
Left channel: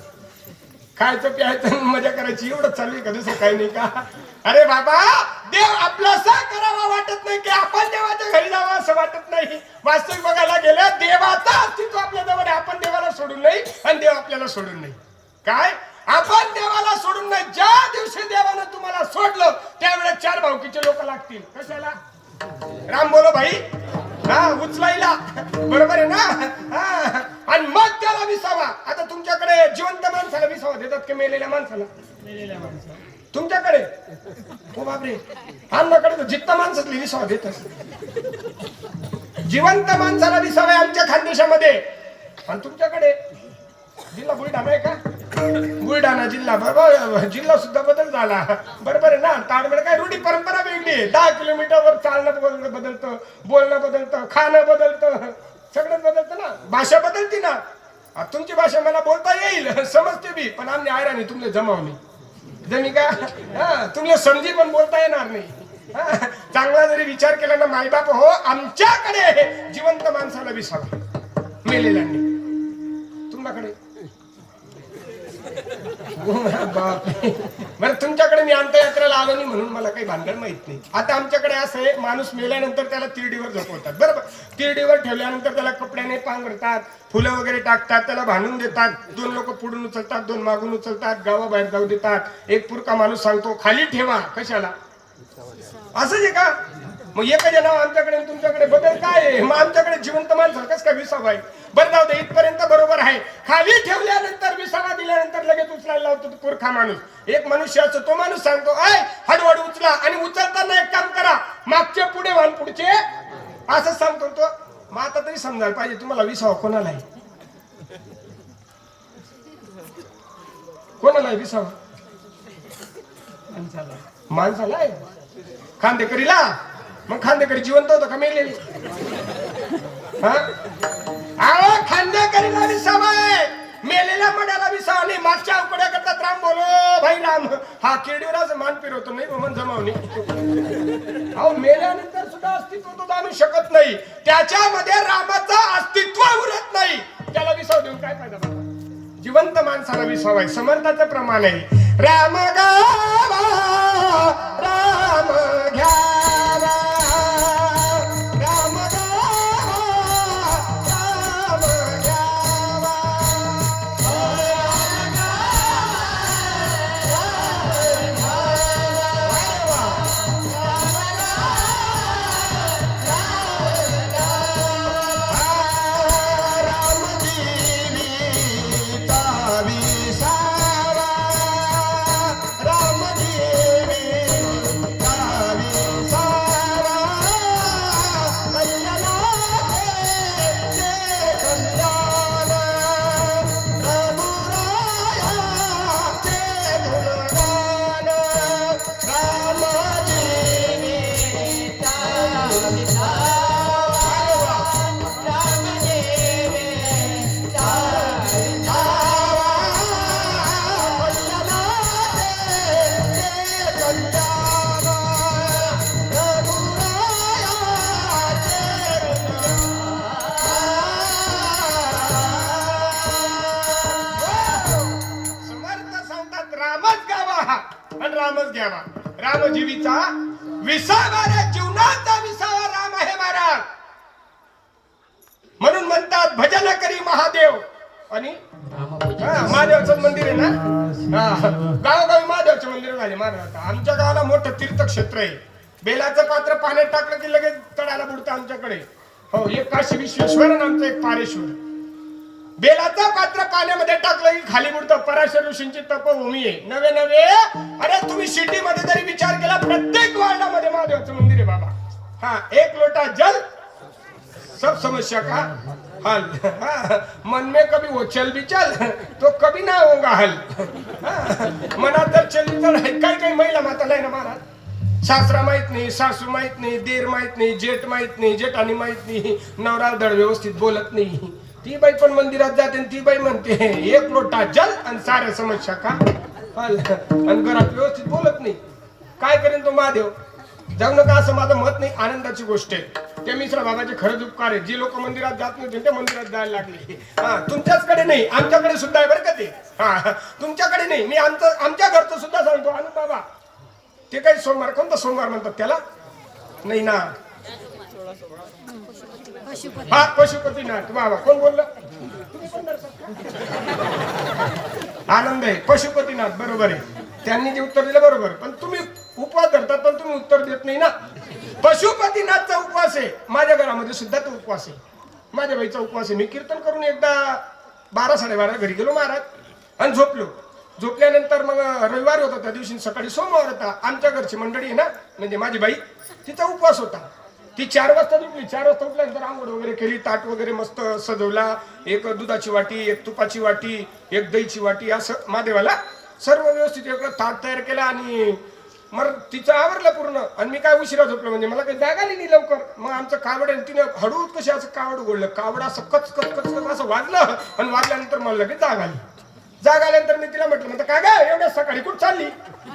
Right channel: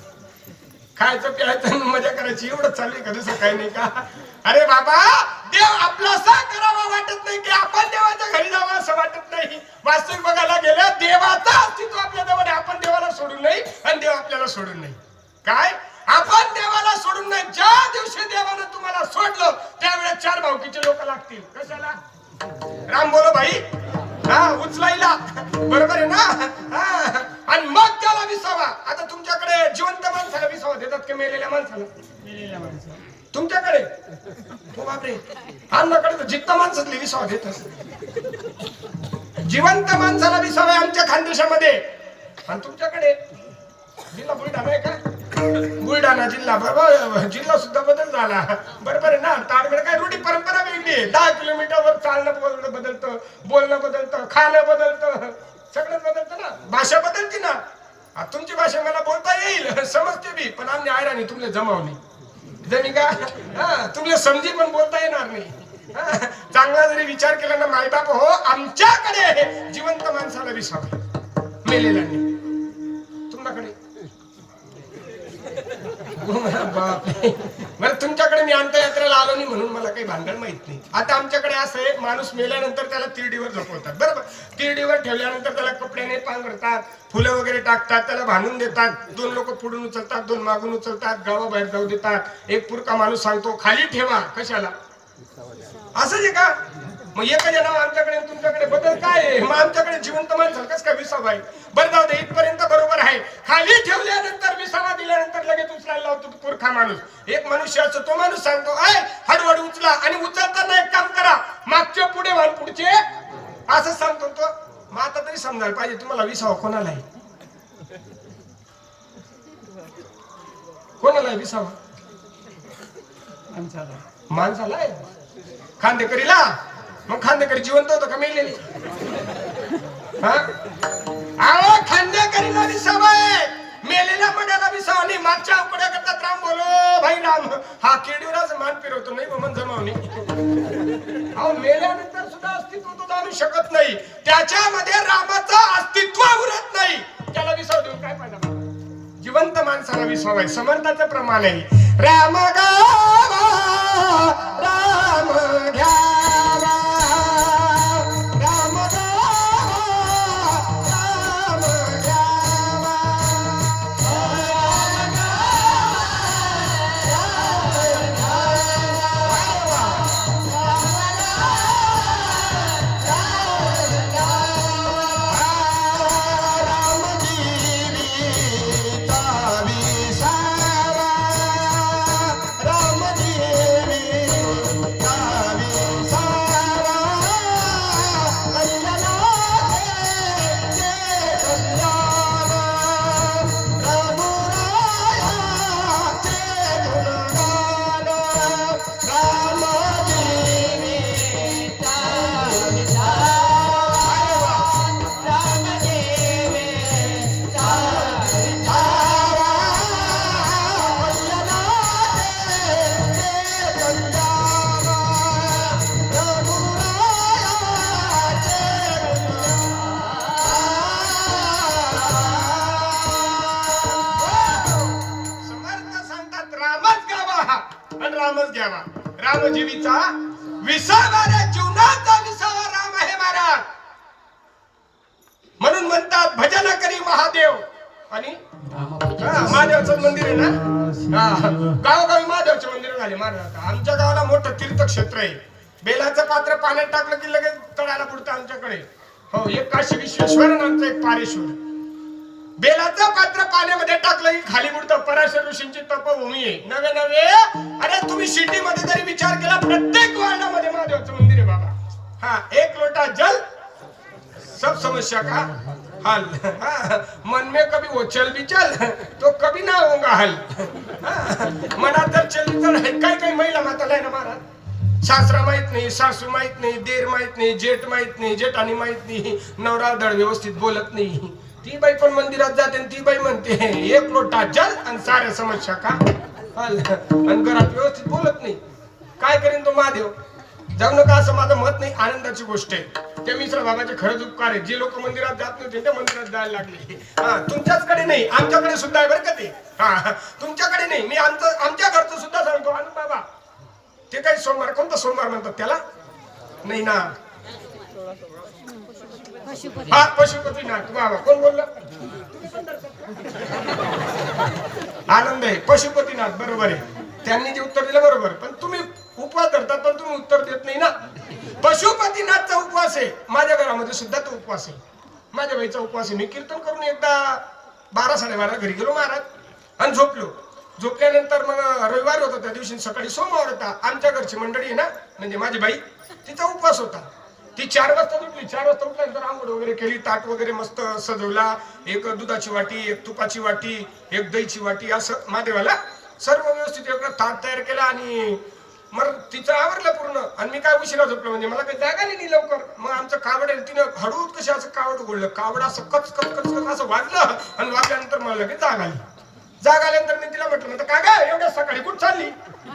खायचं प्यायचं मजा करायची एवढं चालू आहे का? दुसरं काही नाही का? अरे बाबा, देव आपलासा करावा वाटत नाही की आपण देवाच्या घरी जावं असं वाटत नाही. वास्तविक बघायला गेलं देवाचं अस्तित्व आपल्या जवळ आहे. आपण देवाला सोडून नाही आणि देव आपल्याला सोडून नाही. काय आपण देवाला सोडून नाही? ज्या दिवशी देवानं तुम्हाला सोडलं त्यावेळेस 4 भावकीचे लोक लागतील. कशाला? राम बोलो भाई, हा उचलायला, बरोबर आहे ना? आणि मग त्याला विसावा. आता तुमच्याकडे जिवंत माणसाला विसावा देतात की मेलेल्या माणसाला? मेलेल्या माणसाला. तुमच्याकडे हो बापरे, आमच्याकडे तर जित्ता माणसातली विसावा देतात. जिवंत माणसाला विसावा आहे आमच्या खानदेशामध्ये. आणि तुमच्याकडे जिल्हा बुलढाणा आहे का? बुलढाणा जिल्हा, बरोबर, जिल्हा सुद्धा बदल झाला, बरोबर आहे ना? ताडगड काय रूढी परंपरा वेगळी आहे. 10 किलोमीटरवर चालणं बदलतं, बोलणं बदलतं, खाणं बदलतं, सगळं बदलतं ना. भाषा बदलते ना. तुमची भाषा मला बोलता येईल, समजते बी, पण आम्ही आयराणी तुमले जमावली जणी का? तुमले समजी पण बोलता येणार नाही. चांगला जरी विचार केला ना मायबाप हो, आमच्याकडे जिवंत माणसाला विसावा, मेलेल्यांनी. तुमच्याकडे बरं, तुमच्याकडे मी अंत्ययात्रेला आलो नाही म्हणून मला काही भानगड माहित नाही. आता आमच्याकडे असं आहे, माणूस मेल्यानंतर त्याला तिरडीवर झोपवतात, बरोबर. तिरडीवर ठेवल्यानंतर त्याला कपड्याने पांघरतात, फुलं वगैरे टाकतात, त्याला भांडून देतात. 2 लोक पुढून उचलतात, 2 मागून उचलतात, गावाबाहेर जाऊ देतात. एक पुरका माणूस सांगतो खाली ठेवा. कशाला? असंच आहे का? मग एकच नाव आमच्याकडे तुमच्याकडे बदल काय आहे? मग आमच्याकडे जिवंत माणसं कसं काय विसावा आहे? बरं जाऊ दे, इथपर्यंत बरोबर आहे. खाली ठेवल्यानंतर विसावा दिल्यानंतर लगेच उचलायला लावतो पुरखा माणूस. एक मनुष्य असतो, तो माणूस सांगतो हळूहळू उचला, आणि उचलताना एक काम करा, मागच्या पुढे वाहन पुढचे, असं सांगतो तो. मग आता तरी समजायला पाहिजे तुम्हाला विसावा कोणाला आहे? कोणाला आहे विसावा? माणसाला आहे. खांदेकरीला? मग खांदेकरी जिवंत होतं का मेलेली? खांदेकरीला विसावा आहे, मेलेल्या मनाला विसावा नाही. मागच्या उकड्या करतात राम बोलो भाई राम, हा केडीवरच मान फिरवतो नाही मन जमावणी. अहो मेल्यानंतर सुद्धा अस्तित्व तो जाणू शकत नाही, त्याच्यामध्ये रामाचं अस्तित्व उरत नाही, त्याला विसाव देऊन काय फायदा बाबा? जिवंत माणसाला विसावा आहे. समर्थाचं प्रमाण आहे, राम गावा राम घ्यावा, राम गावा राम घ्यावा, रामजीवीचा विसावा, जीवनाचा विसावा राम आहे महाराज. म्हणून म्हणतात भजन करी महादेव. आणि महादेवाचं मंदिर आहे ना, गावोगावी महादेवाचे मंदिर झाले महाराज. आमच्या गावाला मोठं तीर्थक्षेत्र आहे. बेलाचं पात्र पाण्यात टाकलं की लगेच तळाला बुडतं आमच्याकडे. हो, एक काशी विश्वेश्वर आणि आमचं एक पारेश्वर. बेलाचं पात्र पाण्यामध्ये टाकलं की खाली बुडतं. पराशर ऋषींची तपभूमी आहे. नवे नवे, अरे तुम्ही सिटी मध्ये जरी विचार केला, प्रत्येक वार्डामध्ये महादेवाचं मंदिर आहे बाबा. हा, एक लोटा जल सब समझ समस्या का हल मन में कभी वो चल भी चल तो कभी ना होगा हल मनात जर चली तर काय काय महिला माताला आहे ना महाराज सासरा माहित नाही सासू माहित नाही देर माहित नाही जेठ माहित नाही जेठानी माहित नाही नवरा धड व्यवस्थित बोलत नाही ती बाई पण मंदिरात जाते आणि ती बाई म्हणते एक लोटा जल आणि साऱ्या समस्या का हल आणि घरात व्यवस्थित बोलत नाही काय करेन तो महादेव जाऊ नका असं माझं मत नाही आनंदाची गोष्ट आहे त्या मिश्र बाबाचे खरंच उपकार आहे जे लोक मंदिरात जात नव्हते ते मंदिरात जायला लागले तुमच्याचकडे नाही आमच्याकडे सुद्धा आहे बरं का ते तुमच्याकडे नाही मी आमच्या घरचं सुद्धा सांगतो आनंद बाबा ते काही सोमवार कोणता सोमवार म्हणतात त्याला नाही ना हा पशुपतीनाथ बाबा कोण बोललं तुम्ही पण आनंद आहे पशुपतीनाथ बरोबर आहे त्यांनी जे उत्तर दिलं बरोबर पण तुम्ही उपवास धरतात पण तुम्ही उत्तर देत नाही ना पशुपतीनाथचा उपवास आहे माझ्या घरामध्ये सुद्धा तो उपवास आहे माझ्या बाईचा उपवास आहे मी कीर्तन करून एकदा 12-12:30 घरी गेलो महाराज आणि झोपल्यानंतर मग रविवार होता त्या दिवशी सकाळी सोमवार होता आमच्या घरची मंडळी आहे ना म्हणजे माझी बाई तिचा उपवास होता ती 4 वाजता उठली 4 वाजता उठल्यानंतर आंघोळ वगैरे केली ताट वगैरे मस्त सजवला एक दुधाची वाटी एक तुपाची वाटी एक दहीची वाटी असं महादेवाला सर्व व्यवस्थित एवढं ताट तयार केला आणि मग तिचं आवरलं पूर्ण आणि मी काय उशिरा झोपलो म्हणजे मला काही जागा नाही लवकर मग आमचं कावड तिनं हळूच कशी असं कावड ओढलं कावड असं कच कच कच कच असं वाजलं आणि वाजल्यानंतर मला लगेच जाग आल्यानंतर मी तिला म्हटलं काय काय एवढ्या सकाळी कुठं चालली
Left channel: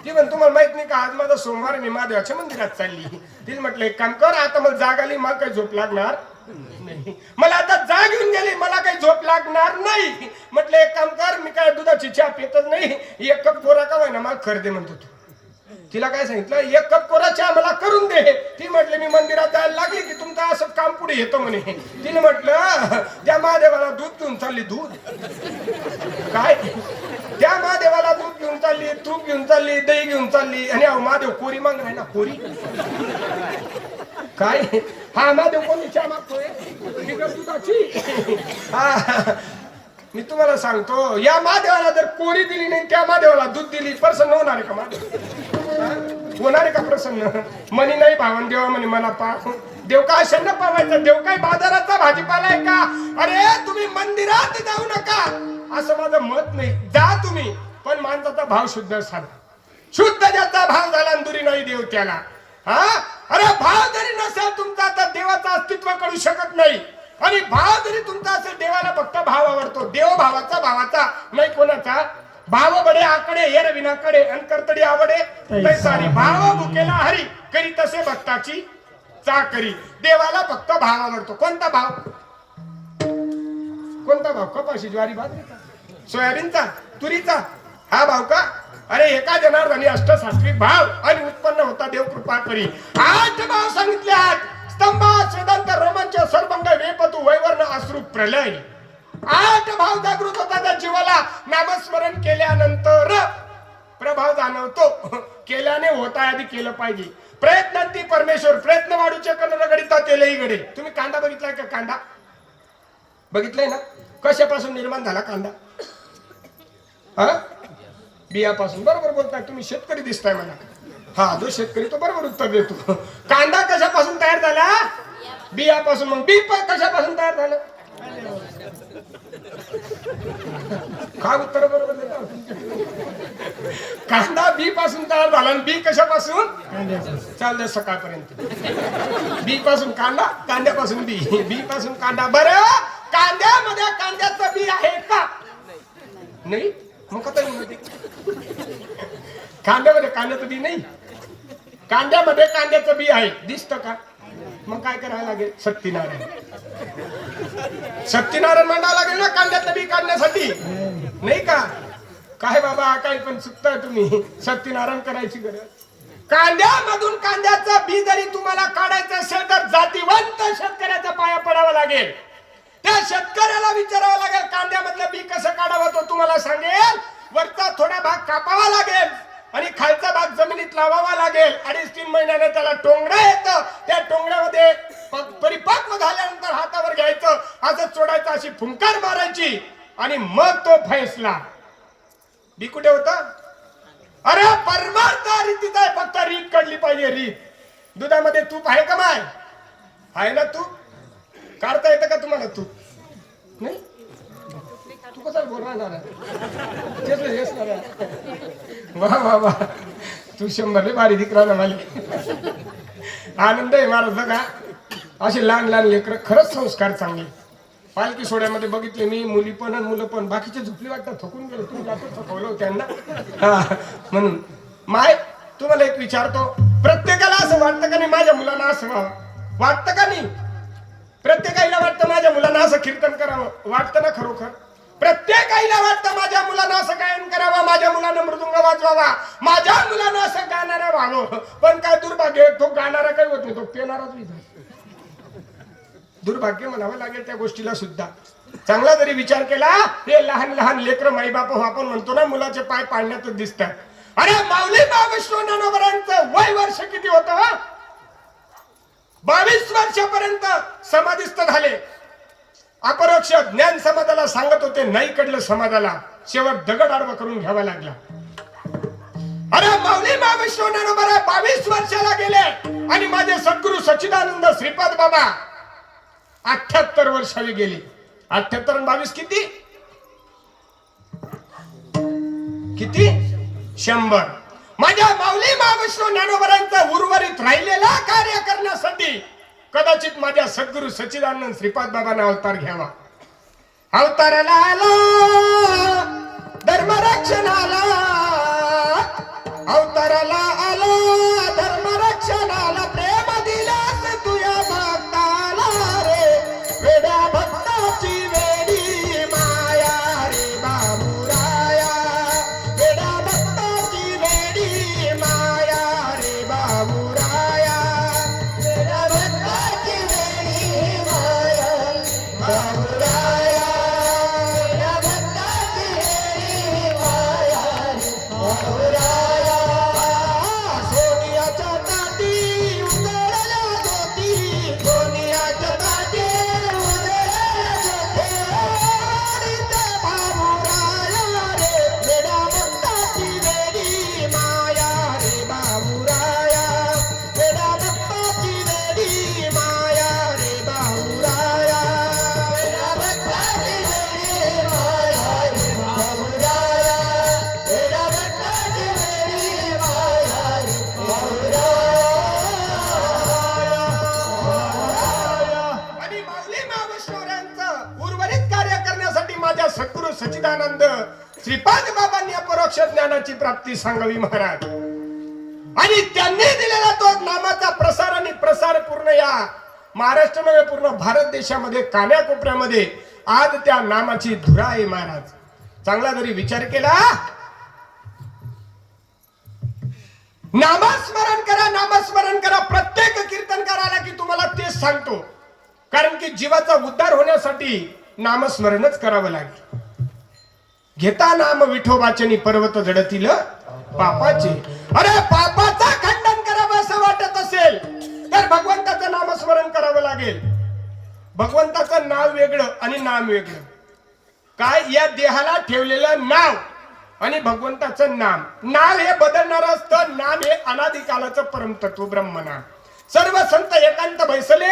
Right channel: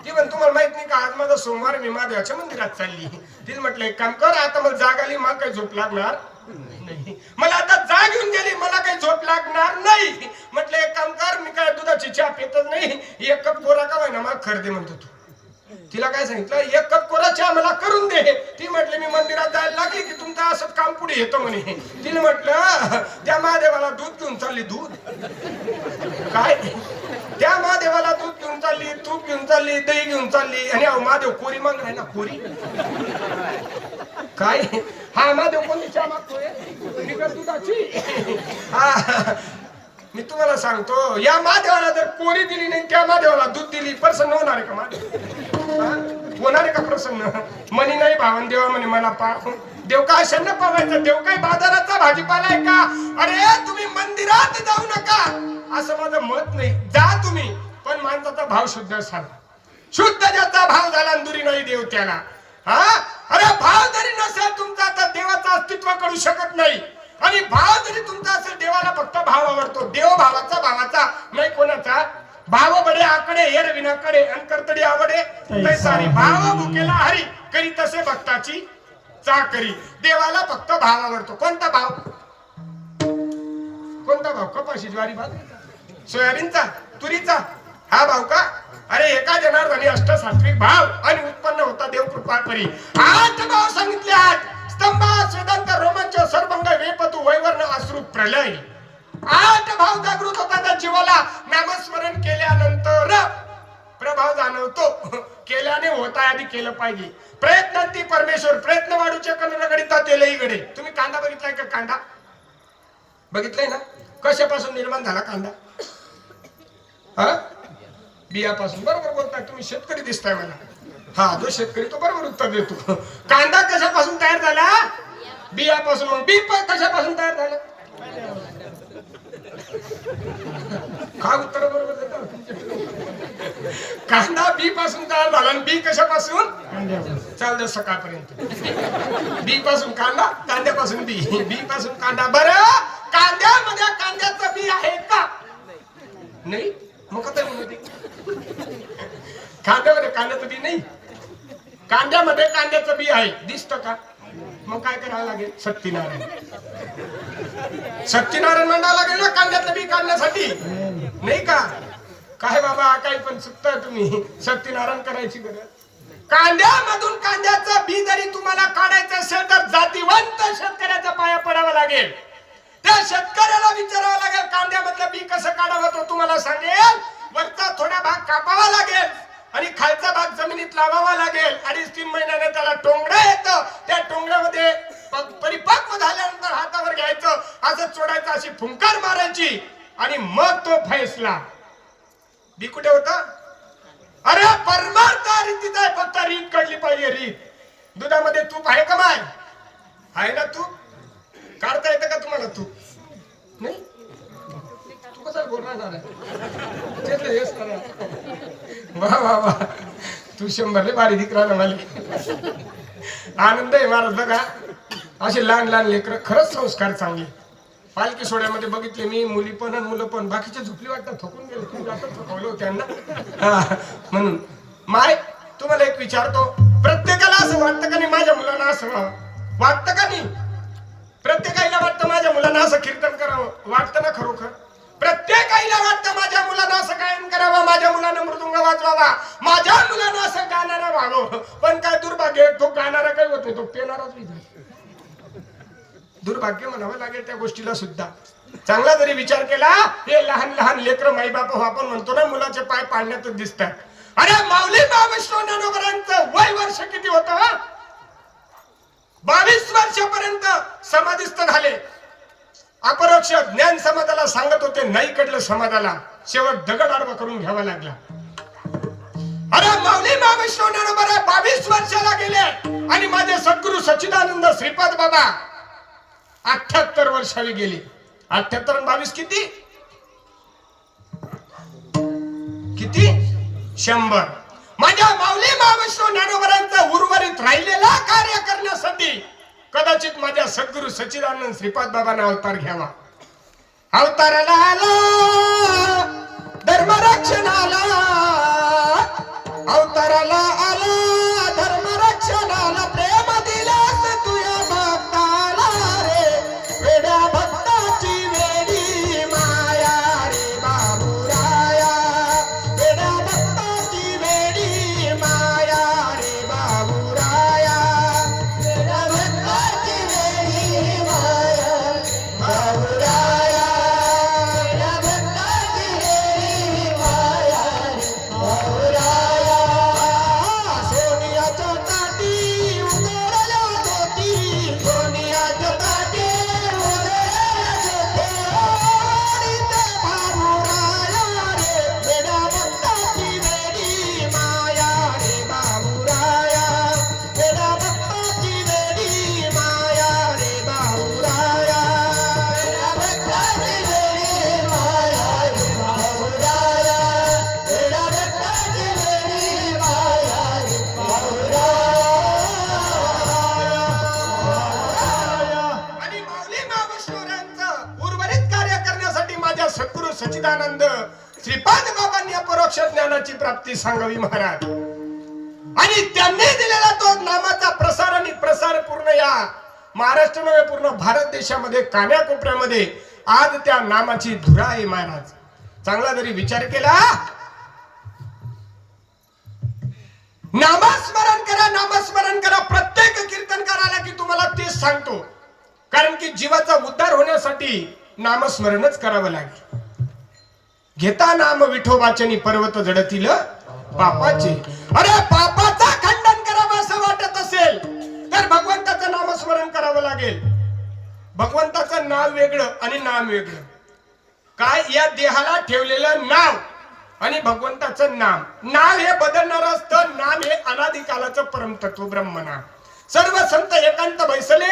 ती म्हण तुम्हाला माहित नाही का आज माझा सोमवार मी महादेवाच्या मंदिरात चालली तिला म्हटलं एक काम कर आता मला जाग आली मला काही झोप लागणार नाही मला आता जाग येऊन गेली मला काही झोप लागणार नाही म्हटलं एक काम कर मी काय दुधाची चहा पितच नाही एक कप कोरा का ना मला खर दे म्हणतो तू तिला काय सांगितलं एक कप कोरा चहा मला करून दे ती म्हटली मी मंदिरात जायला लागली की तुमचं असं काम पुढे येतं म्हणे तिने म्हटलं त्या महादेवाला दूध घेऊन चालली दूध काय त्या महादेवाला दूध घेऊन चालली तूप घेऊन चालली दही घेऊन चालली आणि महादेव कोरी मागणार ना कोरी काय हा महादेव कोणी चहा मागतोय बिगर दुधाची मी तुम्हाला सांगतो या महादेवाला जर कोरी दिली नाही त्या महादेवाला दूध दिली प्रसन्न होणार का महादेव होणार आहे का प्रसन्न मनी नाही भावन देवा म्हणे मला पाठ देव का अशांना पावायचं देव काही बाजाराचा भाजीपाला आहे का अरे तुम्ही मंदिरात जाऊ नका असं माझं मत नाही जा तुम्ही पण माणसाचा भाव शुद्ध झाला शुद्ध ज्याचा भाव झाला दुरी नाही देव त्याला हा अरे भाव जरी नसेल तुमचा तर देवाचं अस्तित्व करू शकत नाही आणि भाव जरी तुमचा असेल देवाला फक्त भाव आवडतो देव भावाचा नाही कोणाचा भाव बडे आकडे हेर विनाकडे अंतरतडी आवडे तैसारी भाव भुकेला हरी करी तसे भक्ताची चाकरी देवाला फक्त भाव आवडतो कोणता भाव कपाशी ज्वारी बाजरीचा सोयाबीनचा तुरीचा हा भाव का अरे एका जनार्दनी अष्टसात्विक भाव आणि उत्पन्न होता देव कृपा करी 8 भाव सांगितले 8 स्तंभ स्वेदांत रोमांच सर्वंग वेपतु वैवर्ण अश्रू प्रलय 8 भाव जागृत होता त्या जीवाला नामस्मरण केल्यानंतर प्रभाव जाणवतो केल्याने होता आधी केलं पाहिजे प्रयत्नांती परमेश्वर प्रयत्न वाढूचे कर्ण गडिता तेलही घडे तुम्ही कांदा बघितलाय का कांदा बघितलाय ना कशापासून निर्माण झाला कांदा हा बियापासून बरोबर बोलताय तुम्ही शेतकरी दिसताय मला हा जो शेतकरी तो बरोबर उत्तर देतो कांदा कशापासून तयार झाला बियापासून मग बी कशापासून तयार झालं काय उत्तर बरोबर कांदा बी पासून तयार झाला आणि बी कशापासून चाललं सकाळपर्यंत बी पासून कांदा कांद्यापासून बी पासून कांदा बरं कांद्यामध्ये कांद्याचं बी आहे का नाही मग आता कांद्यामध्ये कांद्याचं बी नाही कांद्यामध्ये कांद्याचं बी आहे दिसतं का मग काय करावं लागेल सत्यनारायण म्हणावं लागेल ना कांद्याचं बी काढण्यासाठी नाही का काय बाबा काय पण चुकताय तुम्ही सत्यनारायण करायची गरज कांद्यामधून कांद्याचं बी जरी तुम्हाला काढायचं असेल तर जातीवंत शेतकऱ्याचा पाया पडावा लागेल त्या शेतकऱ्याला विचारावं लागेल कांद्यामधलं बी कसं काढावं तो तुम्हाला सांगेल वरचा थोडा भाग कापावा लागेल आणि खालचा भाग जमिनीत लावावा लागेल 2.5-3 महिन्याने त्याला टोंगडं येतं त्या टोंगड्यामध्ये परिपक्व झाल्यानंतर हातावर घ्यायचं असं चोडायचं अशी फुंकार मारायची आणि मग तो फैसला बी कुठे होता अरे परमार्थ रीतीचा आहे फक्त रीत काढली पाहिजे रीत दुधामध्ये तूप आहे का माय आहे ना तूप काढता येतं का तुम्हाला तू नाही तू कसा गोरा झाला तेच नाही हेच नाही वा वा वा तू 100 भारी दिकरा ना मला आनंद आहे महाराज बघा असे लहान लहान लेकर खरंच संस्कार चांगले पालखी सोहळ्यामध्ये बघितले मी मुली पण आणि मुलं पण बाकीचे झोपली वाटतं थकून गेले तुम्ही जास्त थकवलं त्यांना म्हणून माय तुम्हाला एक विचारतो प्रत्येकाला असं वाटतं का नाही माझ्या मुलांना असं व्हावं वाटतं का नाही प्रत्येकाला वाटतं माझ्या मुलांना असं कीर्तन करावं वाटतं ना खरोखर प्रत्येक आईला वाटतं माझ्या मुलांना असं गायन करावं माझ्या मुलांना मृदुंग वाजवावा माझ्या मुलांना असं गाणारा व्हावं पण काय दुर्भाग्य तो गाणारा काही होत नाही तो पेणाराच नाही दुर्भाग्य म्हणावं लागेल त्या गोष्टीला सुद्धा चांगला जरी विचार केला हे लहान लहान लेकर माई बाप आपण म्हणतो ना मुलाचे पाय पाळण्यात दिसतात अरे माऊली महाविष्णू ज्ञानोबरांचं वय वर्ष किती होतं 22 वर्षापर्यंत समाधिस्थ झाले अपरोक्ष ज्ञान समाजाला सांगत होते नाही कडलं समाजाला शेवट दगड आडवा करून घ्यावा लागला अरे माऊली महाविष्णू ज्ञानोबरा 22 वर्षाला गेले आणि माझे सद्गुरू सच्चिदानंद श्रीपाद बाबा 78 वर्षाला गेले 78 आणि 22 किती किती 100 माझ्या माऊली महाविष्णू ज्ञानोबरांचा उर्वरित राहिलेला कार्य करण्यासाठी कदाचित माझ्या सद्गुरू सच्चिदानंद श्रीपाद बाबांना अवतार घ्यावा अवताराला आला धर्मरक्षणाला अवताराला आला धर्मरक्षणाला प्रेम दिलास तुया भक्ताला रे वेड्या भक्ताची वेडी माया रे बाबुराया वेड्या भक्ताची वेडी माया रे बाबुराया वेड्या भक्ताची वेडी माया बाबुराया वेड्या भक्ताची वेडी माया बाबुराया सोनियाच्या ताटी उजळल्या ज्योती सोनियाच्या ताटी उजळल्या ज्योती आणि त्या बाबुराया रे वेड्या भक्ताची वेडी माया रे बाबुराया वेड्या भक्ताची वेडी माया रे बाबुराया वेड्या भक्ताची वेडी माया रे बाबुराया वेड्या भक्ताची वेडी माया रे आणि माऊली महाविष्णूरायांचं उर्वरित कार्य करण्यासाठी माझ्या सद्गुरू सच्चिदानंद श्रीपाद बाबांनी अपरोक्ष ज्ञानाची प्राप्ती सांगावी महाराज आणि त्यांनी दिलेला तो नामाचा प्रसार आणि प्रसार पूर्ण या महाराष्ट्रामध्ये पूर्ण भारत देशामध्ये कान्याकोपऱ्यामध्ये आज त्या नामाची धुरा आहे महाराज चांगला जरी विचार केला नामस्मरण करा प्रत्येक कीर्तनकाराला की तुम्हाला तेच सांगतो कारण की जीवाचा उद्धार होण्यासाठी नामस्मरणच करावं लागेल घेता नाम विठोबाचनी पर्वत जडतील पापाचे अरे पापाचा खंडन करावं असं वाटत असेल तर भगवंताचं नामस्मरण करावं लागेल भगवंताचं नाव वेगळं आणि नाम वेगळं काय या देहाला ठेवलेलं नाव आणि भगवंताचं नाव हे बदलणार असतं नाम हे अनादिकालाचं परमतत्व ब्रह्मनाम सर्व संत एकांत बैसले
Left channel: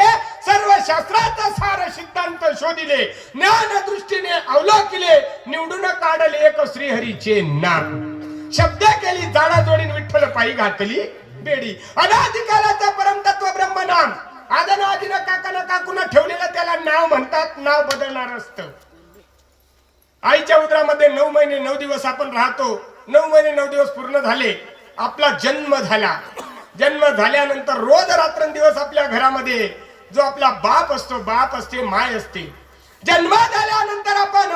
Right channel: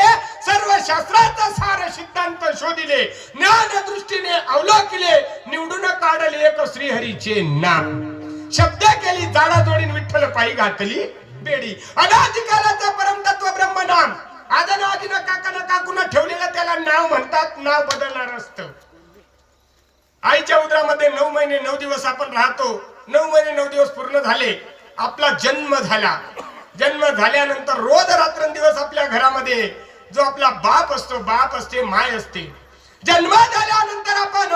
सर्व शास्त्राचा सार सिद्धांत शोधिले ज्ञान दृष्टीने अवलोकिले निवडून काढले एक श्रीहरीचे नाम शब्द केली जाणा जोडीन विठ्ठल पायी घातली बेडी अनादिकालाचं परमतत्व ब्रह्मनाम आदन आदिन काकाना काकून ठेवलेलं त्याला नाव म्हणतात नाव बदलणार असतं आईच्या उदरामध्ये 9 महिने 9 दिवस आपण राहतो 9 महिने 9 दिवस पूर्ण झाले आपला जन्म झाला जन्म झाल्यानंतर रोज रात्रंदिवस आपल्या घरामध्ये जो आपला बाप असतो बाप असते माय असते जन्म झाल्यानंतर आपण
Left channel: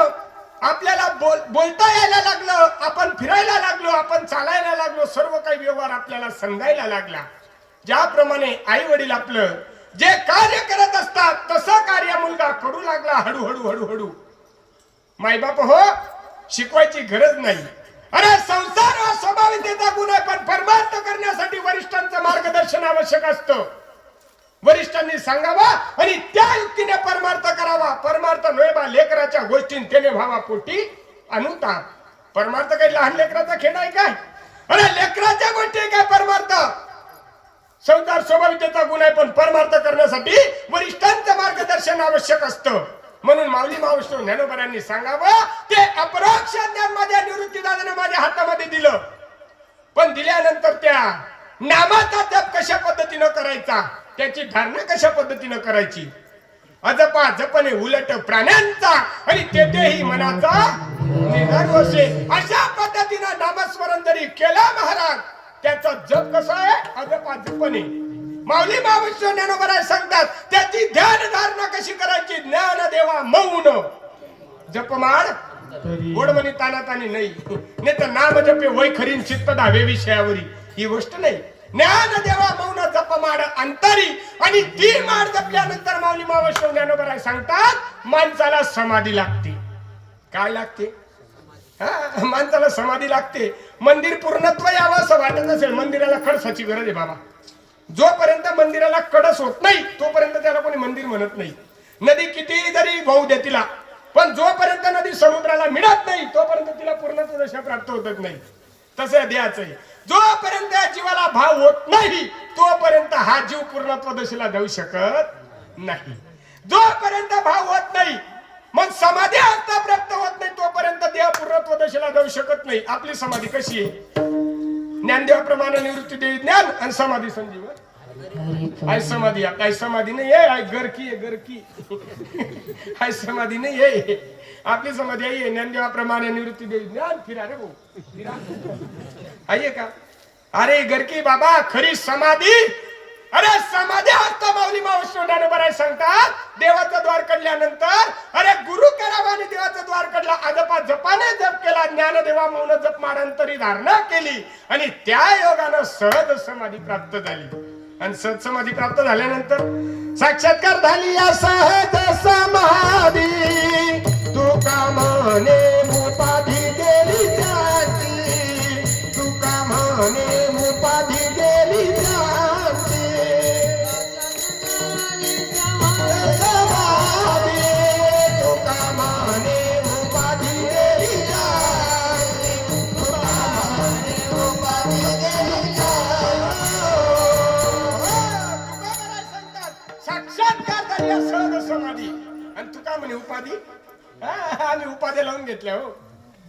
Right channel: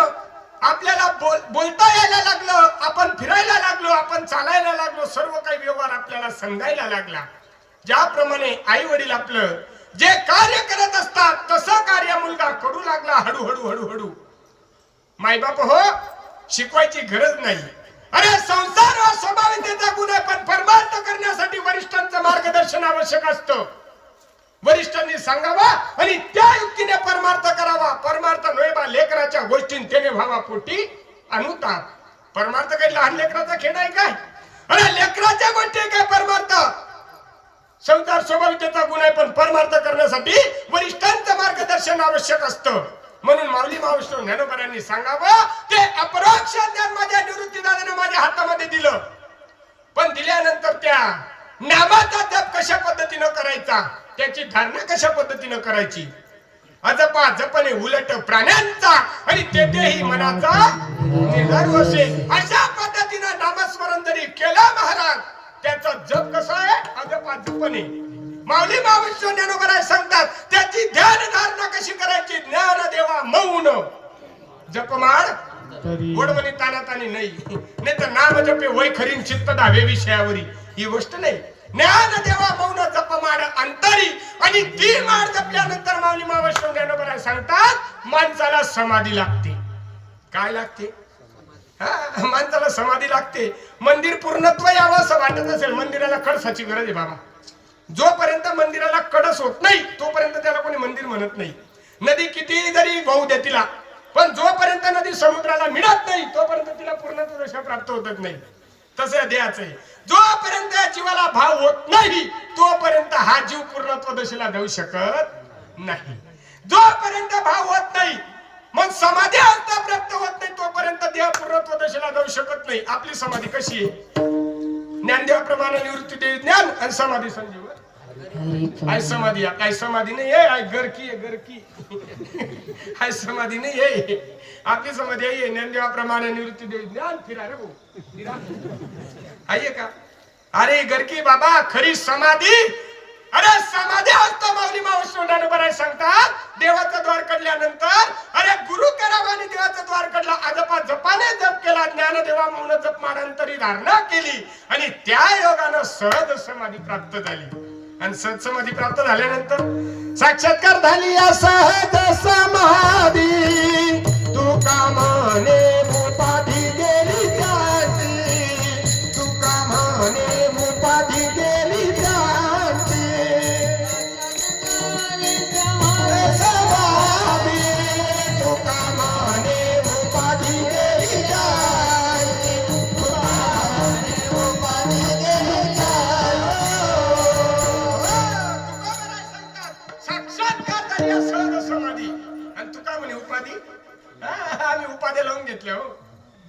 आपल्याला बोलता यायला लागलो आपण फिरायला लागलो आपण चालायला लागलो सर्व काही व्यवहार आपल्याला समजायला लागला ज्याप्रमाणे आई वडील आपलं जे कार्य करत असतात तसं कार्य मुलगा करू लागला हळूहळू हळूहळू मायबाप हो शिकवायची गरज नाही अरे संसार हा स्वाभाविकतेचा गुण आहे पण परमार्थ करण्यासाठी वरिष्ठांचं मार्गदर्शन आवश्यक असतं वरिष्ठांनी सांगावा आणि त्या युक्तीने परमार्थ करावा परमार्थ नव्हे लेकराच्या गोष्टी त्याने व्हावा पोटी अनुताप परमार्थ काही लहान लेकराचा खेळ आहे काय अरे लेकराच्या गोष्टी काय परमार्थ संसार स्वाभाविकतेचा गुण आहे, पण परमार्थ करण्यासाठी वरिष्ठांचं मार्गदर्शन आवश्यक असतं. म्हणून माऊली मावशी ज्ञानोबरांनी सांगावं, ते अपरोक्ष ज्ञान माझ्या निवृत्तीदादाने माझ्या हातामध्ये दिलं. पण दिल्यानंतर त्या नामाचा जप कशा पद्धतीनं करायचा, त्याची धारणा कशा पद्धतीनं करायची, अजपा जपणे उलट प्राण्यांचा आणि तेथेही मनाचा निर्धार असे. अशा पद्धतीनं नामस्मरण जरी केला महाराज, त्याचा जप कसा आहे, अजपा जपणे. माऊली मावशी ज्ञानोबराय सांगतात, त्याची ध्यान धारणा कशी करायची, ज्ञान देवा मौन जपमाळ गोडमणी तानातानी नाही तर नाम जपे वय खरीन चित्त धावे विषयावरी, ही गोष्ट नाही. ज्ञान देवा मौन जपमाळ अंतरी, आणि ती माळ जपल्यानंतर माऊली मावशी ज्ञानोबराय सांगतात, माणसाला समाधी लागते. काय लागते, माणसाला समाधी लागते. मंदिर पूर्णत्व यावं असं वाटत असेल, मंदिराला कळसाची गरज आहे बाबा. जोपर्यंत मंदिराला कळस होत नाही तोपर्यंत त्याला कोणी मंदिर म्हणत नाही. नदी किती जरी वाहू दे तिला, पण जोपर्यंत नदी समुद्राला मिळत नाही तोपर्यंत तिला पूर्णत्व दशा प्राप्त होतच नाही. तसं द्यायचं आहे, जोपर्यंत या जीवाला भाव होत नाही तोपर्यंत हा जीव पूर्णत्व दशेला जाऊ शकत नाही. जोपर्यंत भाव होत नाही, मग समाधी अवस्था प्राप्त होत नाही तोपर्यंत देह पूर्णत्व दशेला जाऊ शकत नाही. आपली समाधी कशी आहे, ज्ञानदेवाप्रमाणे निवृत्ती देवी ज्ञान आणि समाधी संजीवन. आय समाधी, काय समाधी नाही आहे, गरकी आहे गरकी. आय समाधी नाही आहे, आपली समाधी आहे ज्ञानदेवाप्रमाणे निवृत्ती देवी ज्ञान. फिरा रे भाऊ, फिरा. आहे का, अरे गरकी बाबा, खरी समाधी. अरे समाधी असतो माऊली मावशी ज्ञानोबराय सांगतात, देवाचं द्वार काढल्यानंतर, अरे गुरु करावा आणि देवाचं द्वार काढला, अजपा जपाने जप केला, ज्ञानदेवा मौन जप माडांतरी धारणा केली, आणि त्या योगानं सहज समाधी प्राप्त झाली. आणि सहज समाधी प्राप्त झाल्यानंतर साक्षात्कार झाली या सहज समाधी. तुका म्हणे उपाधी गेली त्याची, तुका म्हणे उपाधी गेली त्याची. तुका म्हणे उपाधी गेली त्याची, तुका म्हणे उपाधी गेली त्याची. साक्षात्कार झाली या सहज समाधी. आणि तुका म्हणे उपाधी, आम्ही उपाध्या लावून घेतल्या, हो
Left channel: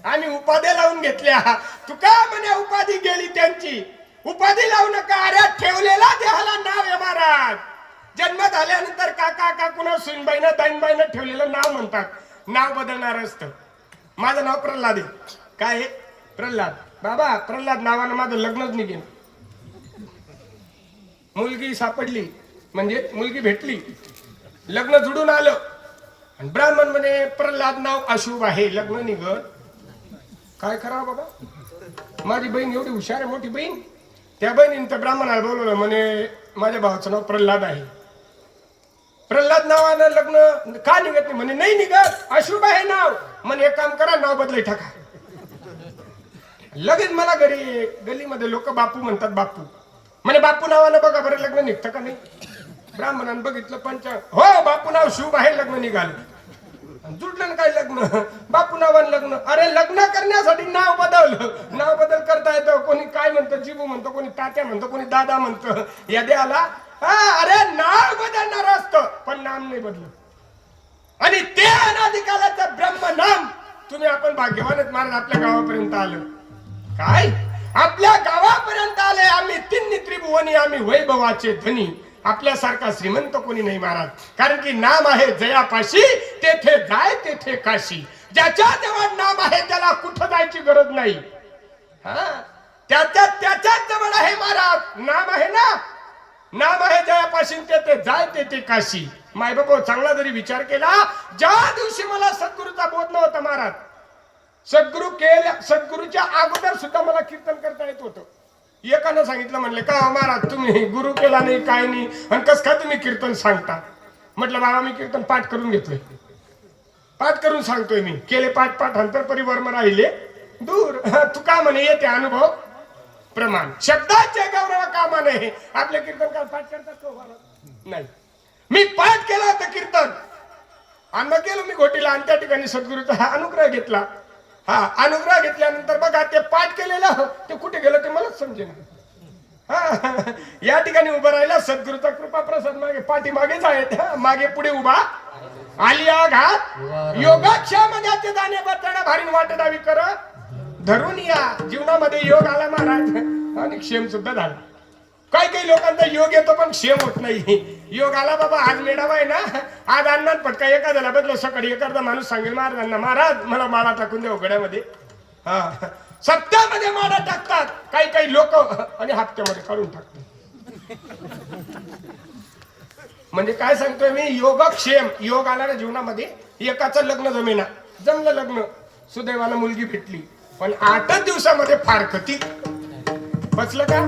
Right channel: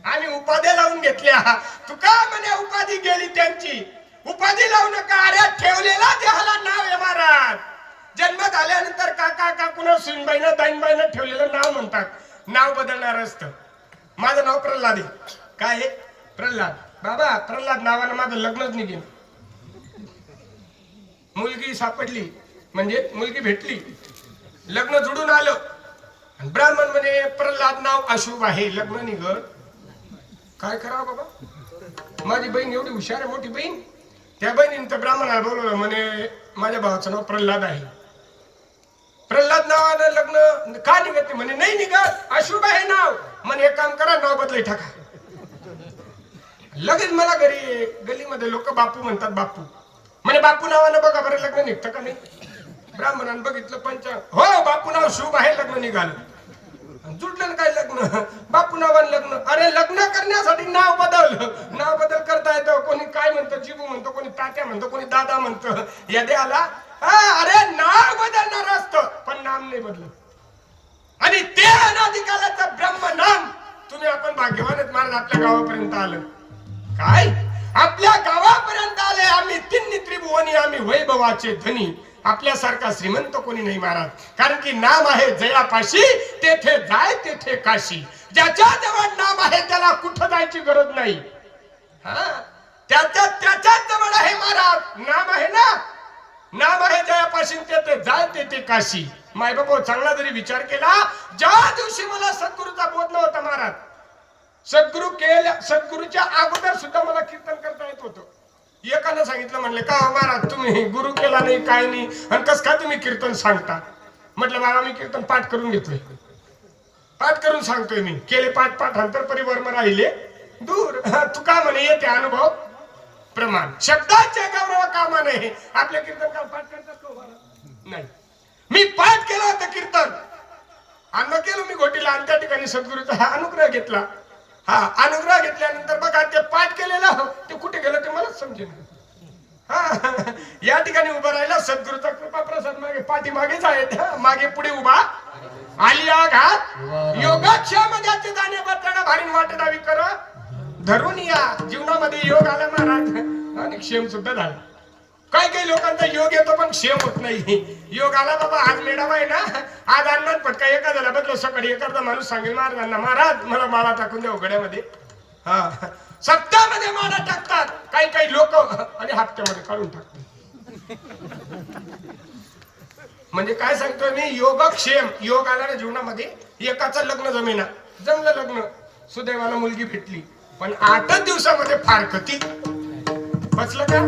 आम्ही उपाध्या लावून घेतल्या. तुका म्हणे उपाधी गेली त्यांची. उपाधी लावू नका, अरे ठेवलेला देहाला नाव आहे महाराज. जन्म झाल्यानंतर काका काकून सुनबाईनं ताईनबाईनं ठेवलेलं नाव म्हणतात, नाव बदलणार असतं. माझं नाव प्रल्हाद आहे. काय आहे, प्रल्हाद. बाबा प्रल्हाद नावानं माझं लग्नच निघेल. मुलगी सापडली म्हणजे मुलगी भेटली, लग्न जुडून आलं, आणि ब्राह्मण म्हणे प्रल्हाद नाव अशुभ आहे, लग्न निघत. काय करावं बाबा, माझी बहीण एवढी हुशार आहे, मोठी बहीण. त्या बहिणीने तर ब्राह्मणाला बोलवलं, म्हणे माझ्या भावाचं नाव प्रल्हाद आहे, प्रल्हाद नावानं लग्न का निघत नाही. म्हणे नाही निघत, अशुभ आहे नाव. म्हणे एक काम करा, नाव बदलाय टाका. लगेच मला घरी गलीमध्ये लोक बापू म्हणतात, बापू. म्हणे बापू नावानं बघा बरं लग्न निघतं का नाही. ब्राह्मणानं बघितलं, पंच हो बापू नाव शुभ आहे, लग्न निघालं. जुडलं काय लग्न, बापू नावानं लग्न. अरे लग्न करण्यासाठी नाव बदल करता येतं. कोणी काय म्हणतं, जीबू म्हणतो, कोणी तात्या म्हणतो, कोणी दादा म्हणतं. या द्याला अरे नाव बदलणार असतं, पण नाम नाही बदलत. आणि ते अनादिकालाचं ब्रह्म नाम तुम्ही, आपण भाग्यवानच महाराज आपल्या गावापर्यंत आलं. काय आपल्या गावापर्यंत आले आम्ही, तिन्ही त्रिभुवनी आम्ही वैभवाचे धनी. आपल्यासारखा श्रीमंत कोणी नाही महाराज, कारण की नाम आहे जयापाशी, तेथे जाय तेथे काशी. ज्याच्या जवळ नाम आहे त्याला कुठं जायची गरज नाही. त्याच्याच जवळ आहे महाराज, नाम आहे ना, नाम आहे जयापाशी, तेथे जाय तेथे काशी. माय बाबा चांगला जरी विचार केला, ज्या दिवशी मला सद्गुरूचा बोध नव्हता महाराज, सद्गुरूच्या अगोदर सुद्धा मला कीर्तन करता येत होतं. एकानं सांगितलं, म्हणले का महाराज तुम्ही गुरु केला नाही काय नाही, आणि कस का तुम्ही कीर्तन सांगता. म्हटलं बाबा मी कीर्तन पाठ करून घेतले, पाठ करून सांगतोय मी. केले पाठ, अंतर परिवर्म राहिले दूर. तुका म्हणे येते अनुभव प्रमाण, शब्दाचे गौरव कामा नाही. आपल्या कीर्तन काल पाठ करतात का महाराज, नाही. मी पाठ केला होता कीर्तन, अन्न केलं मी घोटीला, आणि त्या ठिकाणी सद्गुरूचा हा अनुग्रह घेतला. अनुग्रह घेतल्यानंतर बघा ते पाठ केलेलं ते कुठे गेलं ते मलाच समजेल. हा, या ठिकाणी उभं राहिला सद्गुरूचा कृपा प्रसाद मागे पाठीमागेच आहेत मागे पुढे उभा आली आघात योगाक्षम ज्याचे जाणे बदलणं भारी वाटणावी कर धरून या जीवनामध्ये योग आला महाराज आणि क्षेम सुद्धा झाला. काही काही लोकांचा योग येतो पण क्षेम होत नाही. योग आला बाबा आज मेळावा आहे ना आज अन्नात पटका एखाद्याला बदलो सकाळी एखादा माणूस सांगेल महाराजांना महाराज मला माळा टाकून द्या उघड्यामध्ये. हा सप्त्यामध्ये माळा टाकतात काही काही लोक आणि हप्त्यामध्ये काढून टाकतात. म्हणजे काय सांगतोय मी योगक्षेम योग आला ना जीवनामध्ये एकाचं लग्न जमलं लग्न सुदैवाला मुलगी भेटली पण 8च दिवसामध्ये फारकती बसलं का.